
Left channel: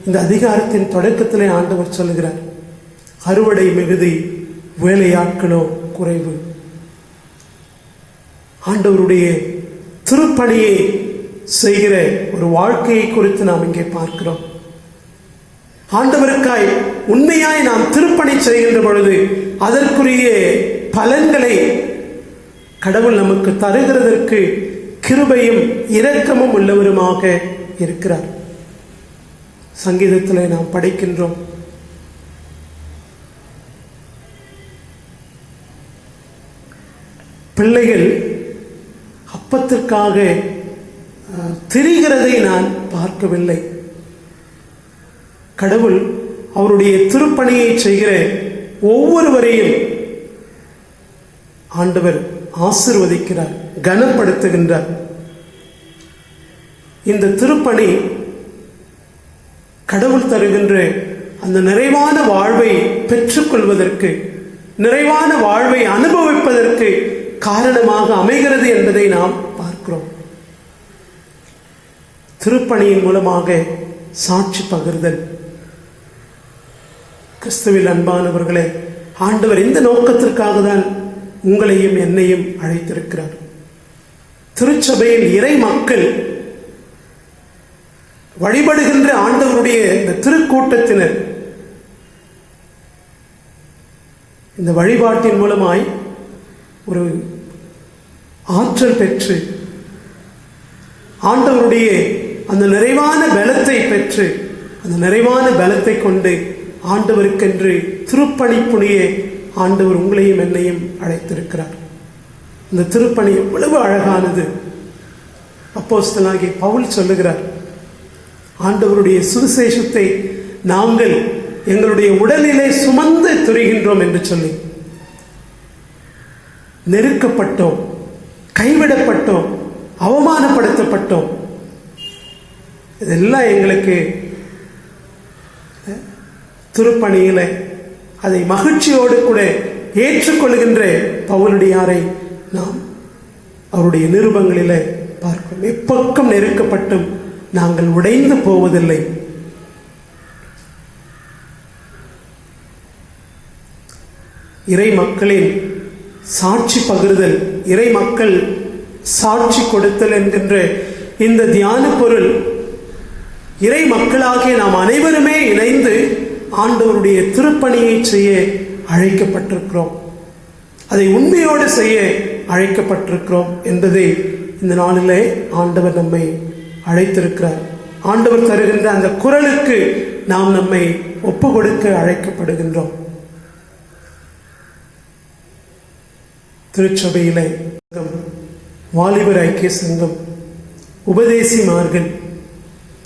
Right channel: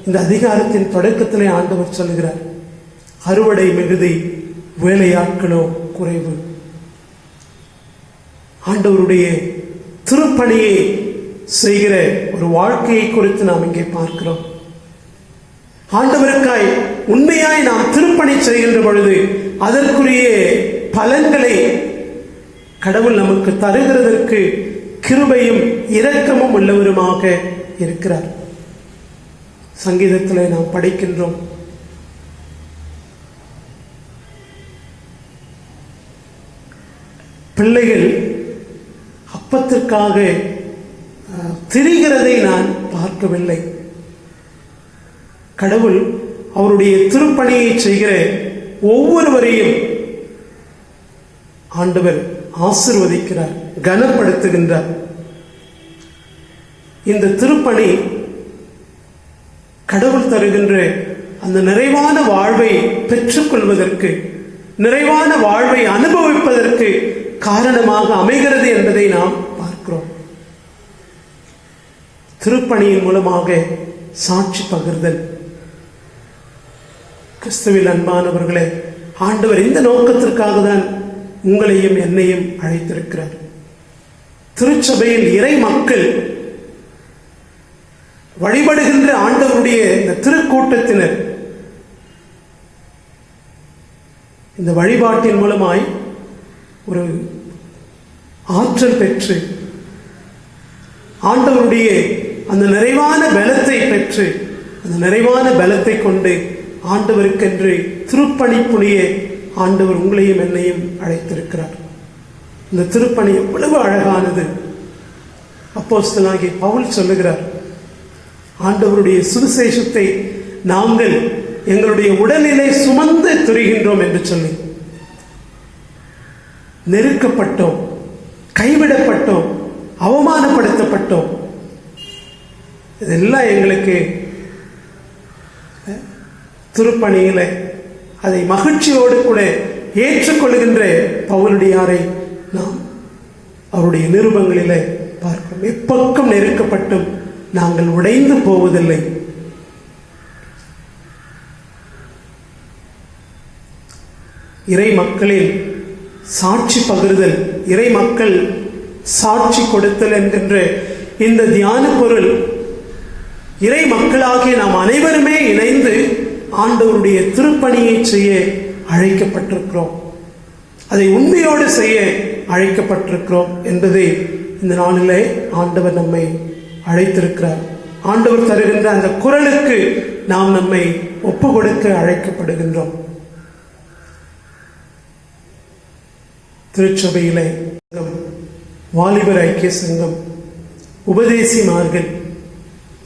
இந்த அதிகாரத்தின் தொடக்கத்திலே ஆண்டவர் சொல்லுகிறார், அறுவடை மிகுதி, வேலையாட்களோ குறைவு. ஆண்டவருடைய திருப்பணியை செய்கிற ஒரு வாழ்க்கையை குறித்து நாம் இங்கே பார்க்கிறோம். ஆண்டவருக்காய் உண்மையாய் நாம் திருப்பணி செய்கின்ற பொழுது அதற்குரிய பலன்களை கடவுள் நமக்கு தருகிறதற்கு கிருபையும் இரக்கமும் உள்ளவருமாக இருக்கிறார். சங்கீதத்திலே நாம் படிக்கின்றோம், பிள்ளைகள் அப்பத்திற்காக திரிகிறதை நான் பார்க்கவில்லை. கடவுள் அவருடைய திருப்பணியை செய்கிற ஒவ்வொருவரையும் ஆண்டவர் ஆசீர்வதிக்கிறார், கனப்படுத்துகின்றார். இந்த திருப்பணி கடவுள் தருகின்ற அந்த நிறைவான வாழ்வை பெற்றுக்கொள்வதற்கு, நிறைவான வாழ்வை அனுபவிப்பதற்கு காரணமாக அமைகிறது என்பதை நாம் பார்க்கிறோம். திருப்பணியின் மூலமாக சாட்சி பகிர்தல். கிறிஸ்துவில் அன்பானவர்களே, ஆண்டவர் இந்த நோக்கத்திற்காக தான் உங்களையும் என்னையும் அழைத்திருக்கிறார். திருச்சபையில் இறை மக்கள் வழிபடுகின்ற ஆண்டவருடைய இந்த திருக்கூட்டத்தினர் இந்த வழிபாட்டின் மூலமாய் ஒரு ஆற்றல் பெற்று, ஆண்டவருடைய அந்த நிறைவான பலத்தை பெற்று, அந்த நிறைவான பலத்தை கொண்டு ஆண்டவருக்கென்று திருப்பணி புனிய ஆண்டவர் உங்களையும் என்னையும் அழைத்திருக்கிறார். இந்த திருப்பணி எவ்வளவு அழகானது! அப்போஸ்தலனாகிய பவுல் சொல்லுகிறார், ஆண்டவருடைய சுவிசேஷத்தை நாங்கள் எங்களுடைய உடலிலே சுமந்து திரிகின்றோம் என்று சொல்லி. நெருக்கப்பட்டோம், கைவிடப்பட்டோம், அவமானப்படுத்தப்பட்டோம். இதெல்லாம் எங்களுக்கு திருப்பணியில அதை மகிழ்ச்சியோடு கூட ஏற்றுக்கொள்கின்ற பவுலடியாரை நாம் அவருடைய நிருபங்களிலே பார்க்கிறோம். எப்பக்கம் நெருக்கப்பட்டும் நாங்கள் உடைந்து போவதில்லை. இறை மக்களின் சாட்சி பகிர்தல், இறை மக்கள் சாட்சி கொடுத்தல் என்கின்ற இந்த தியான பொருள், இறை மக்களாகிய நாம் அனைவருமே இணைந்து ஆண்டவருடைய திருப்பணியை செய்ய அழைக்கப்பட்டிருக்கிறோம். அதை உண்மையோடு செய்ய அழைக்கப்பட்டிருக்கிறோம் என்பதை இந்த நாளிலே ஆண்டவர் நம்மை அழைத்திருக்கிறார். ஆண்டவர் தருகின்ற அந்த குரலுக்கு நாம் நம்மை ஒப்பு கொடுக்க அழைக்கப்படுகின்றோம். திருச்சபையிலே வாலிபர் ஐக்கிய சங்கம், உபதேசிமார்கள்,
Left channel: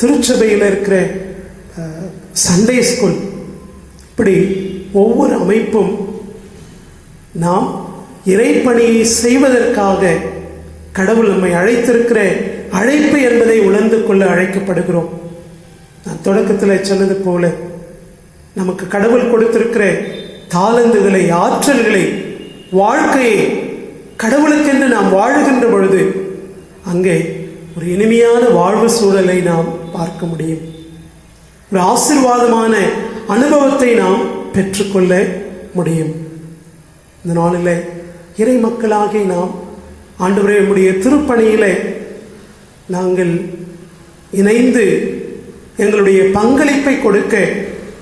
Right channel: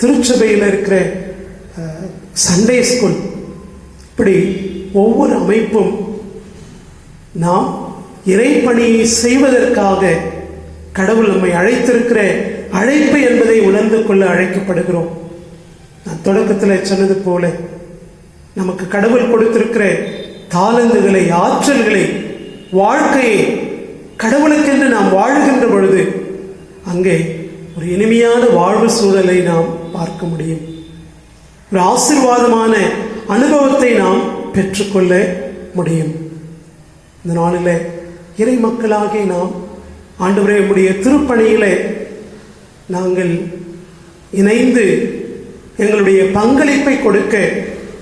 திருச்சபையில் இருக்கிற சண்டே ஸ்கூல், இப்படி ஒவ்வொரு அமைப்பும் நாம் இறைப்பணியை செய்வதற்காக கடவுள் நம்மை அழைத்திருக்கிற அழைப்பு என்பதை உணர்ந்து கொள்ள அழைக்கப்படுகிறோம். நான் தொடக்கத்தில் சொன்னது போல, நமக்கு கடவுள் கொடுத்திருக்கிற தாளந்துகளை, ஆற்றல்களை, வாழ்க்கையை கடவுளுக்கென்று நாம் வாழுகின்ற பொழுது அங்கே ஒரு இனிமையான வாழ்வு சூழலை நாம் பார்க்க முடியும். ஒரு ஆசீர்வாதமான அனுபவத்தை நாம் பெற்றுக்கொள்ள முடியும். இந்த நாளில் இறை மக்களாகிய நாம் ஆண்டவரே உம்முடைய திருப்பணியிலே நாங்கள் இணைந்து எங்களுடைய பங்களிப்பை கொடுக்க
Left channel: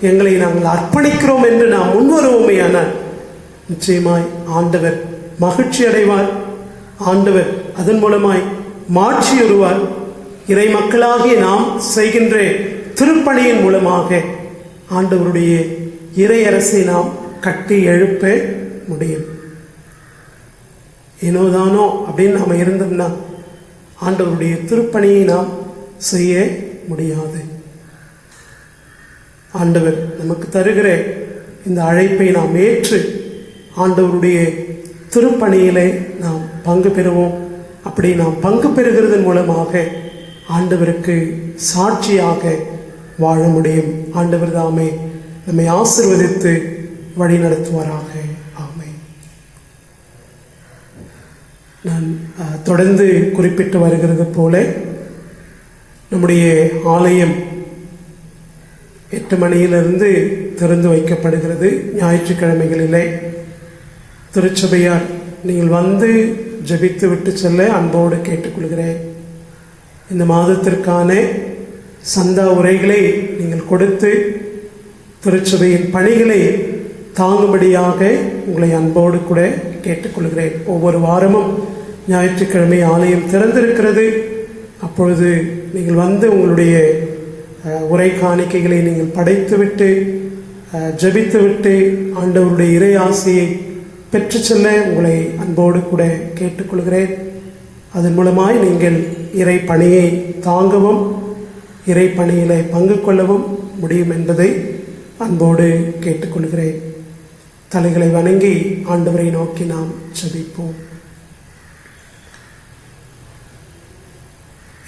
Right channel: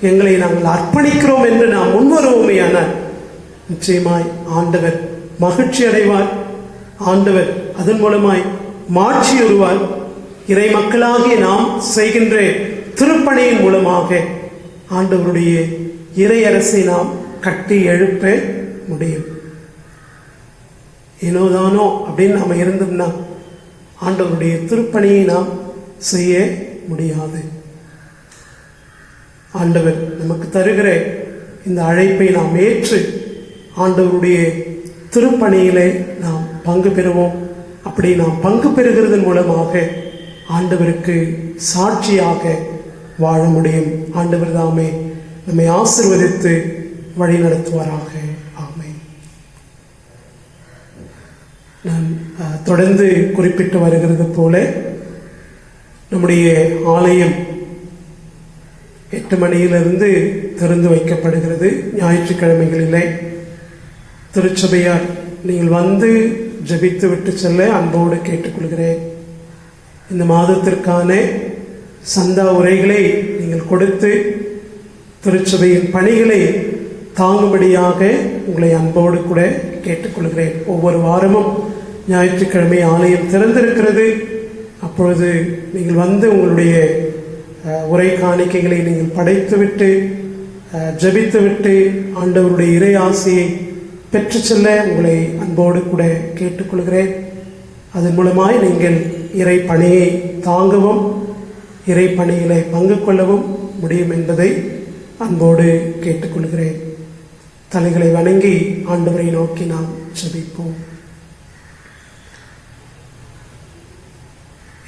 எங்களை நாங்கள் அர்ப்பணிக்கிறோம் என்று நாம் முன்வருவோமேயானால் நிச்சயமாய் ஆண்டவர் மகிழ்ச்சி அடைவார். ஆண்டவர் அதன் மூலமாய் மாற்றியுறுவார். இறை மக்களாகிய நாம் செய்கின்ற திருப்பணியின் மூலமாக ஆண்டவருடைய இறை அரசை நாம் கட்டி எழுப்ப முடியும். ஏனோதானோ அப்படின்னு நாம இருந்தோம்னா ஆண்டவருடைய திருப்பணியை நாம் செய்ய முடியாது. ஆண்டவர் நமக்கு தருகிற இந்த அழைப்பை நாம் ஏற்று ஆண்டவருடைய திருப்பணியிலே நாம் பங்கு பெறுவோம். அப்படி நாம் பங்கு பெறுகிறதன் மூலமாக ஆண்டவருக்கு சாட்சியாக வாழ முடியும். ஆண்டவர் தாமே நம்மை ஆசீர்வதித்து வழி நடத்துவாராக. ஆமென். நான் தொடர்ந்து குறிப்பிட்டு வருகிறது போல நம்முடைய ஆலயம் 8 மணியிலிருந்து திறந்து வைக்கப்படுகிறது. ஞாயிற்றுக்கிழமைகளிலே திருச்சபையார் நீங்கள் வந்து ஜெபித்து விட்டு செல்ல அன்போடு கேட்டுக்கொள்கிறேன். இந்த மாதத்திற்கான சந்தா உரைகளை நீங்கள் கொடுத்து திருச்சபையின் பணிகளை தாங்கும்படியாக உங்களை அன்போடு கூட கேட்டுக்கொள்கிறேன். ஒவ்வொரு வாரமும் ஞாயிற்றுக்கிழமை ஆலயம் திறந்திருக்கிறது. அப்பொழுது நீங்கள் வந்து உங்களுடைய உரை காணிக்கைகளை நீங்கள் படைத்துவிட்டு ஜெபித்துவிட்டு ஆண்டவருடைய இறை ஆசையை பெற்று செல்ல உங்களை அன்போடு கூட கேட்டுக்கொள்கிறேன். அதன் மூலமாய் நீங்கள் இறை பணியை தாங்கவும் இறை பணியிலே பங்கு கொள்ளவும் முடியும் என்பதை அன்போடு கேட்டுக்கொள்கிறேன். தலைகளை வணங்கி ஆண்டவரை நோக்கி நாம் ஜெபிப்போம்.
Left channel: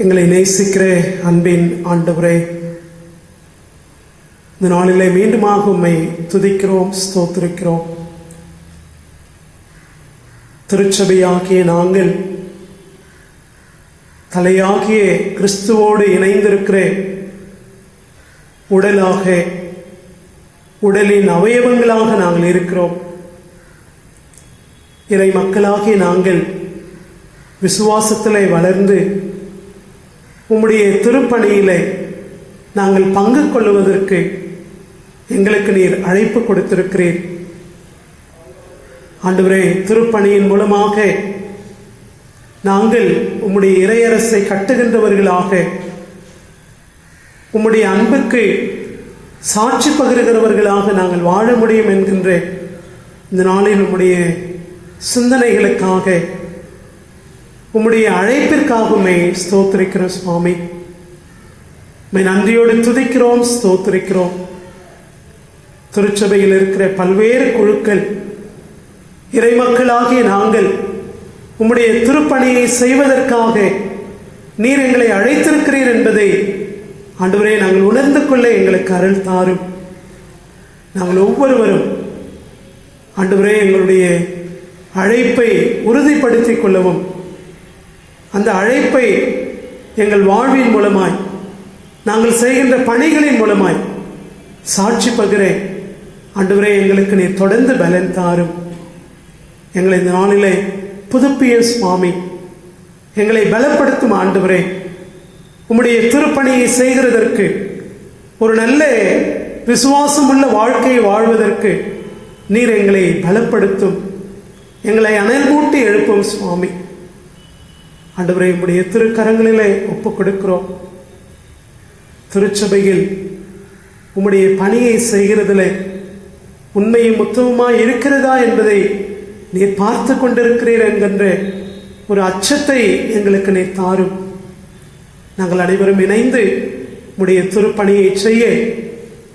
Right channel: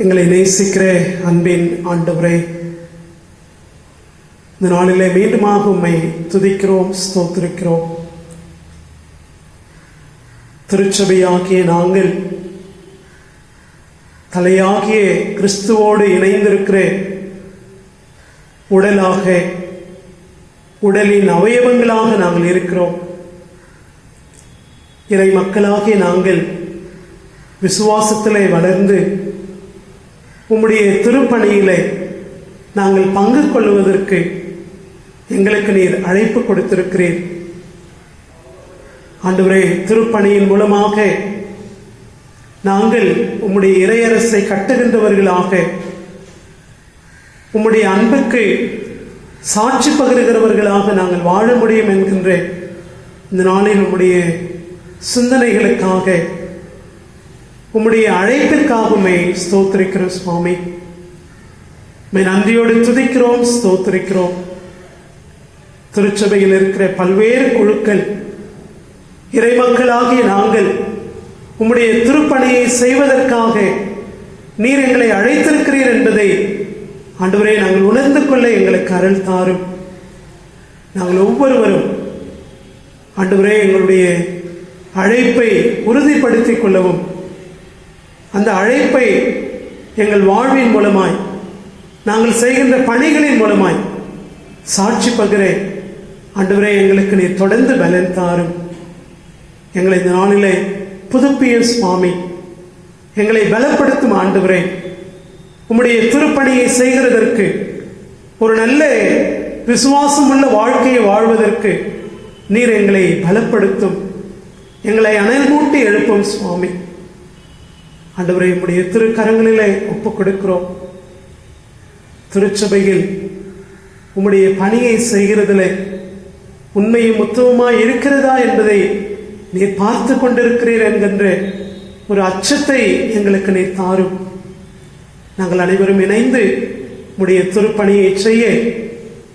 எங்களை நேசிக்கிற அன்பின் ஆண்டவரே, இந்த நாளிலே மீண்டுமாக உம்மை துதிக்கிறோம், ஸ்தோத்திரிக்கிறோம். திருச்சபையாகிய நாங்கள் தலையாகிய கிறிஸ்துவோடு இணைந்திருக்கிற உடலாக, உடலின் அவயவங்களாக நாங்கள் இருக்கிறோம். இறை மக்களாகிய நாங்கள் விசுவாசத்திலே வளர்ந்து உம்முடைய திருப்பணியிலே நாங்கள் பங்கு கொள்வதற்கு எங்களுக்கு நீர் அழைப்பு கொடுத்திருக்கிறீர். ஆண்டவரே, திருப்பணியின் மூலமாக நாங்கள் உம்முடைய இறையரசை கட்டுகின்றவர்களாக, உம்முடைய அன்புக்கு சாட்சி பகிர்கிறவர்களாக நாங்கள் வாழ முடியும் என்கின்ற இந்த நாளில் உம்முடைய சிந்தனைகளுக்காக, உம்முடைய அழைப்பிற்காகவுமே ஸ்தோத்திரிக்கிறோம் சுவாமி. நன்றியோடு துதிக்கிறோம், ஸ்தோத்திரிக்கிறோம். திருச்சபையில் இருக்கிற பல்வேறு குழுக்கள், இறைமக்களாகிய நாங்கள் உம்முடைய திருப்பணியை செய்வதற்காக நீர் எங்களை அழைத்திருக்கிறீர் என்பதை ஆண்டவரே நாங்கள் உணர்ந்து கொள்ள எங்களுக்கு அருள் தாரும். நாங்கள் ஒவ்வொருவரும் ஆண்டவரே எங்களுடைய அழைப்பை உறுதிப்படுத்திக் கொள்ளவும், அந்த அழைப்பை எங்கள் வாழ்வின் மூலமாய், நாங்கள் செய்கின்ற பணிகளின் மூலமாய் சாட்சி பகிர ஆண்டவரே எங்களுக்கு நீர் தொடர்ந்து பலன் தாரும். எங்களை இந்த நாளிலே புதுப்பிய சுவாமி, எங்களை பலப்படுத்தும் ஆண்டவரே. உம்முடைய திருப்பணியை செய்கிறதற்கு, ஒரு நல்ல விசுவாசமுள்ள வாழ்க்கையை வாழ்வதற்கு நீர் எங்களை பலப்படுத்தும், எங்களை அனல் மூட்டி எழுப்பும் சுவாமி. ஆண்டவரே, உம்முடைய திருக்கரங்களிலே ஒப்புக் கொடுக்கிறோம். திருச்சபையில் உம்முடைய பணியை செய்கிறதிலே உண்மையும் உத்தமமாய் இருக்கிறதா என்பதை நீர் பார்த்து கொண்டிருக்கிறீர் என்கின்ற ஒரு அச்சத்தை எங்களுக்கு நீர் தாரும். நாங்கள் அனைவரும் இணைந்து உம்முடைய திருப்பணியை செய்ய,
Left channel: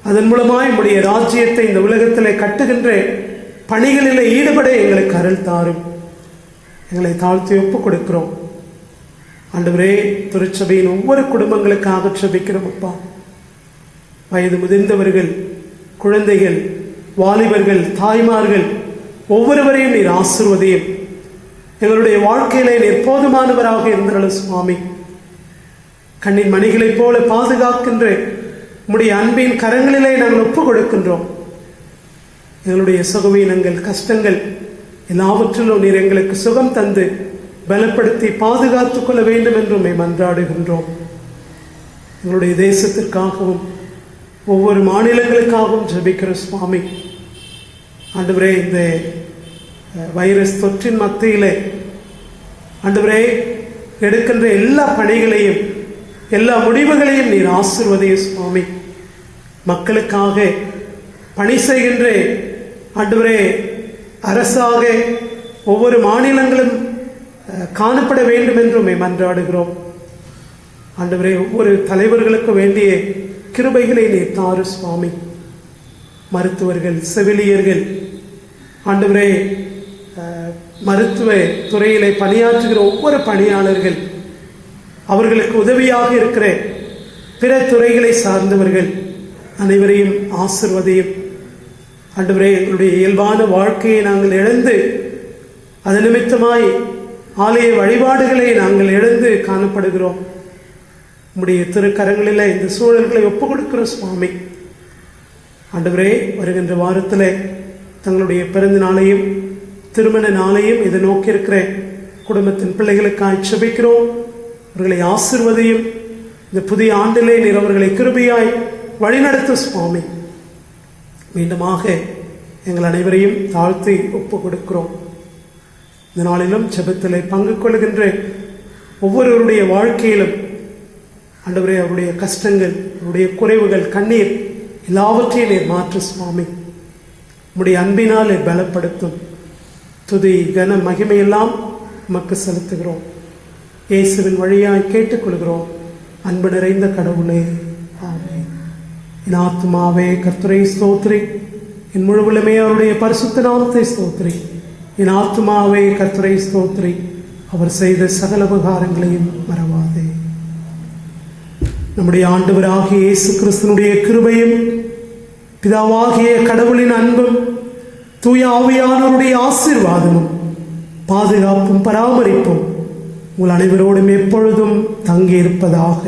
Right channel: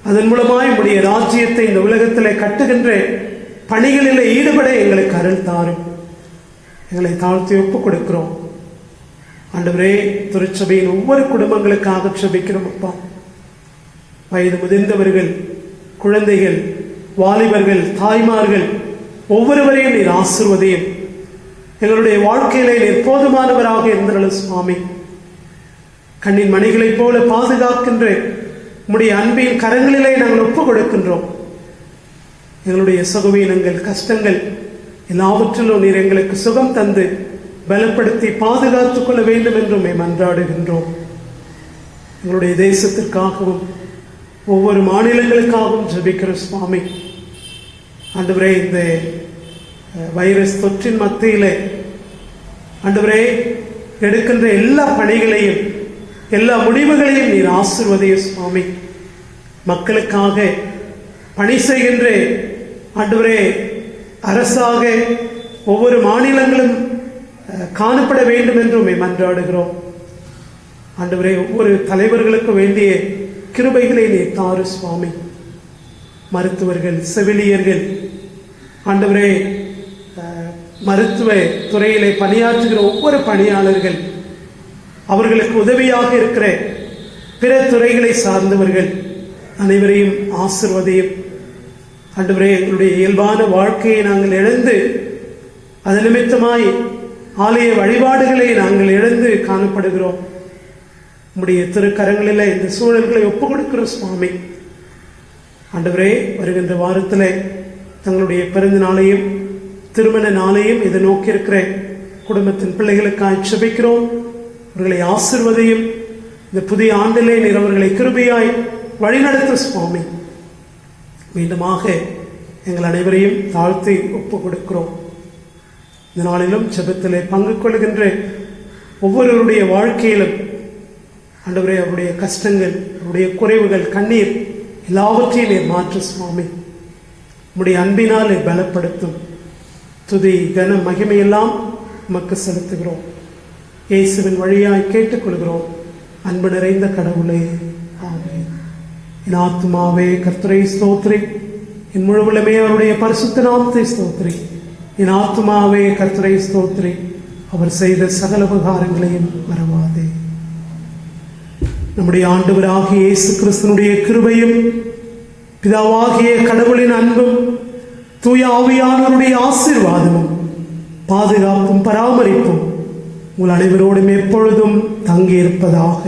அதன் மூலமாய் உம்முடைய ராஜ்யத்தை இந்த உலகத்திலே கட்டுகின்ற பணிகளிலே ஈடுபட எங்களுக்கு அருள் தாரும். எங்களை தாழ்த்தி ஒப்புக் கொடுக்கிறோம். ஆண்டவரே, திருச்சபையின் ஒவ்வொரு குடும்பங்களுக்காக ஜெபிக்கிறோம் அப்பா. வயது முதிர்ந்தவர்கள், குழந்தைகள், வாலிபர்கள், தாய்மார்கள் ஒவ்வொருவரையும் நீர் ஆசீர்வதியும். எங்களுடைய வாழ்க்கையிலே நீர் போதுமானவராக இருந்தருளும் சுவாமி. கண்ணின் மணிகளைப் போல பாதுகாக்கின்ற உம்முடைய அன்பின் கரங்களிலே நாங்கள் ஒப்புக் கொடுக்கின்றோம். எங்களுடைய சுகவீனங்கள், கஷ்டங்கள் எல்லாவற்றிலும் நீர் எங்களுக்கு சுகம் தந்து பலப்படுத்தி பாதுகாத்துக் கொள்ள வேண்டும் என்று மன்றாடுகின்றோம். எங்களுடைய தேசத்திற்காகவும் ஒவ்வொரு மாநிலங்களுக்காகவும் ஜெபிக்கிற சுவாமி. ஆண்டவரே, இந்த வைரஸ் தொற்றின் மத்தியிலே ஆண்டவரே எடுக்கின்ற எல்லா பணிகளையும், எல்லா முடிவுகளையும் நீர் ஆசீர்வதிய சுவாமி. மக்களுக்காக பணி செய்கின்ற ஆண்டவரே அரசாக ஒவ்வொரு மாநிலங்களும் காணப்பட வேண்டும் என்று மன்றாடுகிறோம். ஆண்டவரே, ஒவ்வொரு தலைவர்களுக்கு வேண்டிய கிருபைகளை நீர் தாரு சுவாமி. மருத்துவர்கள், செவிலியர்கள், ஆண்டவரே மருத்துவ துறையிலே பணியாற்றுகிற ஒவ்வொரு பணியாளர்கள், அவர்களுக்கு உதவியாக இருக்கிற பிற துறைகளை சார்ந்தவர்கள் அனைவரையும் ஆசீர்வதியும். ஆண்டவரே, எங்களுடைய இயல்பான வாழ்க்கையை நாங்கள் இழந்து, அது நிமித்தமாய் ஆலய வழிபாடுகளை நாங்கள் இழந்து காணப்படுகிறோம். உம்முடைய திருக்கரங்களிலே இந்த சூழல்களை ஒப்புக் கொடுக்கிறோம் சுவாமி. ஆண்டவரே, வருகின்ற வாரத்தில் தங்களுடைய பிறந்த நாளையும் திருமண நாளையும் இதை நோக்கி இருக்கிற குடும்பத்தின் பிள்ளைகளுக்காக ஜெபிக்கிறோம். அவர்களை ஆசீர்வதியும். இந்த புதிய ஆண்டிலே நீர் அவர்களை கிருபையாய் வழிநடத்த சுவாமி. மீண்டுமாக எங்கள் அனைவரையும் தாழ்த்தி ஒப்புக் கொடுக்கிறோம். இந்த நாளிலும் ஜெபத்திலே பங்கு கொள்கின்ற ஒவ்வொருவருடைய வாழ்க்கையிலும் ஆண்டவரே, அவருடைய கஷ்டங்கள், அவருடைய குறைவுகள், கண்ணீர் எல்லாவற்றையும் நீர் மாற்று சுவாமி. உம்முடைய அன்பினால் பலப்படுத்தும். துதி கன மகிமையெல்லாம் நமக்கு செலுத்துகிறோம். இயேசுவின் வழியாய் கேட்டுக்கொள்கிறோம். அன்பு நிறைந்த கடவுளே, ஆமென். என் ஆத்துமாவே கர்த்தரை ஸ்தோத்திரி, என் முழுவலுமே அவருடைய பரிசுத்த நாமத்தை ஸ்தோத்திரி. என் ஆத்துமாவே கர்த்தரை ஸ்தோத்திரி, அவர் செய்த சகல உபகாரங்களையும் மறவாதே. நம்முடைய ஆண்டவராகிய இயேசு கிறிஸ்துவினுடைய கிருபையும் பிதாவாகிய கடவுளின் அன்பும் தூய ஆவியானவருடைய ஆசீர்வாதமும் பாதுகாப்பும் பராமரிப்பும் உங்கள் அனைவரோடும் எப்பொழுதும் தங்கியிருப்பதாக.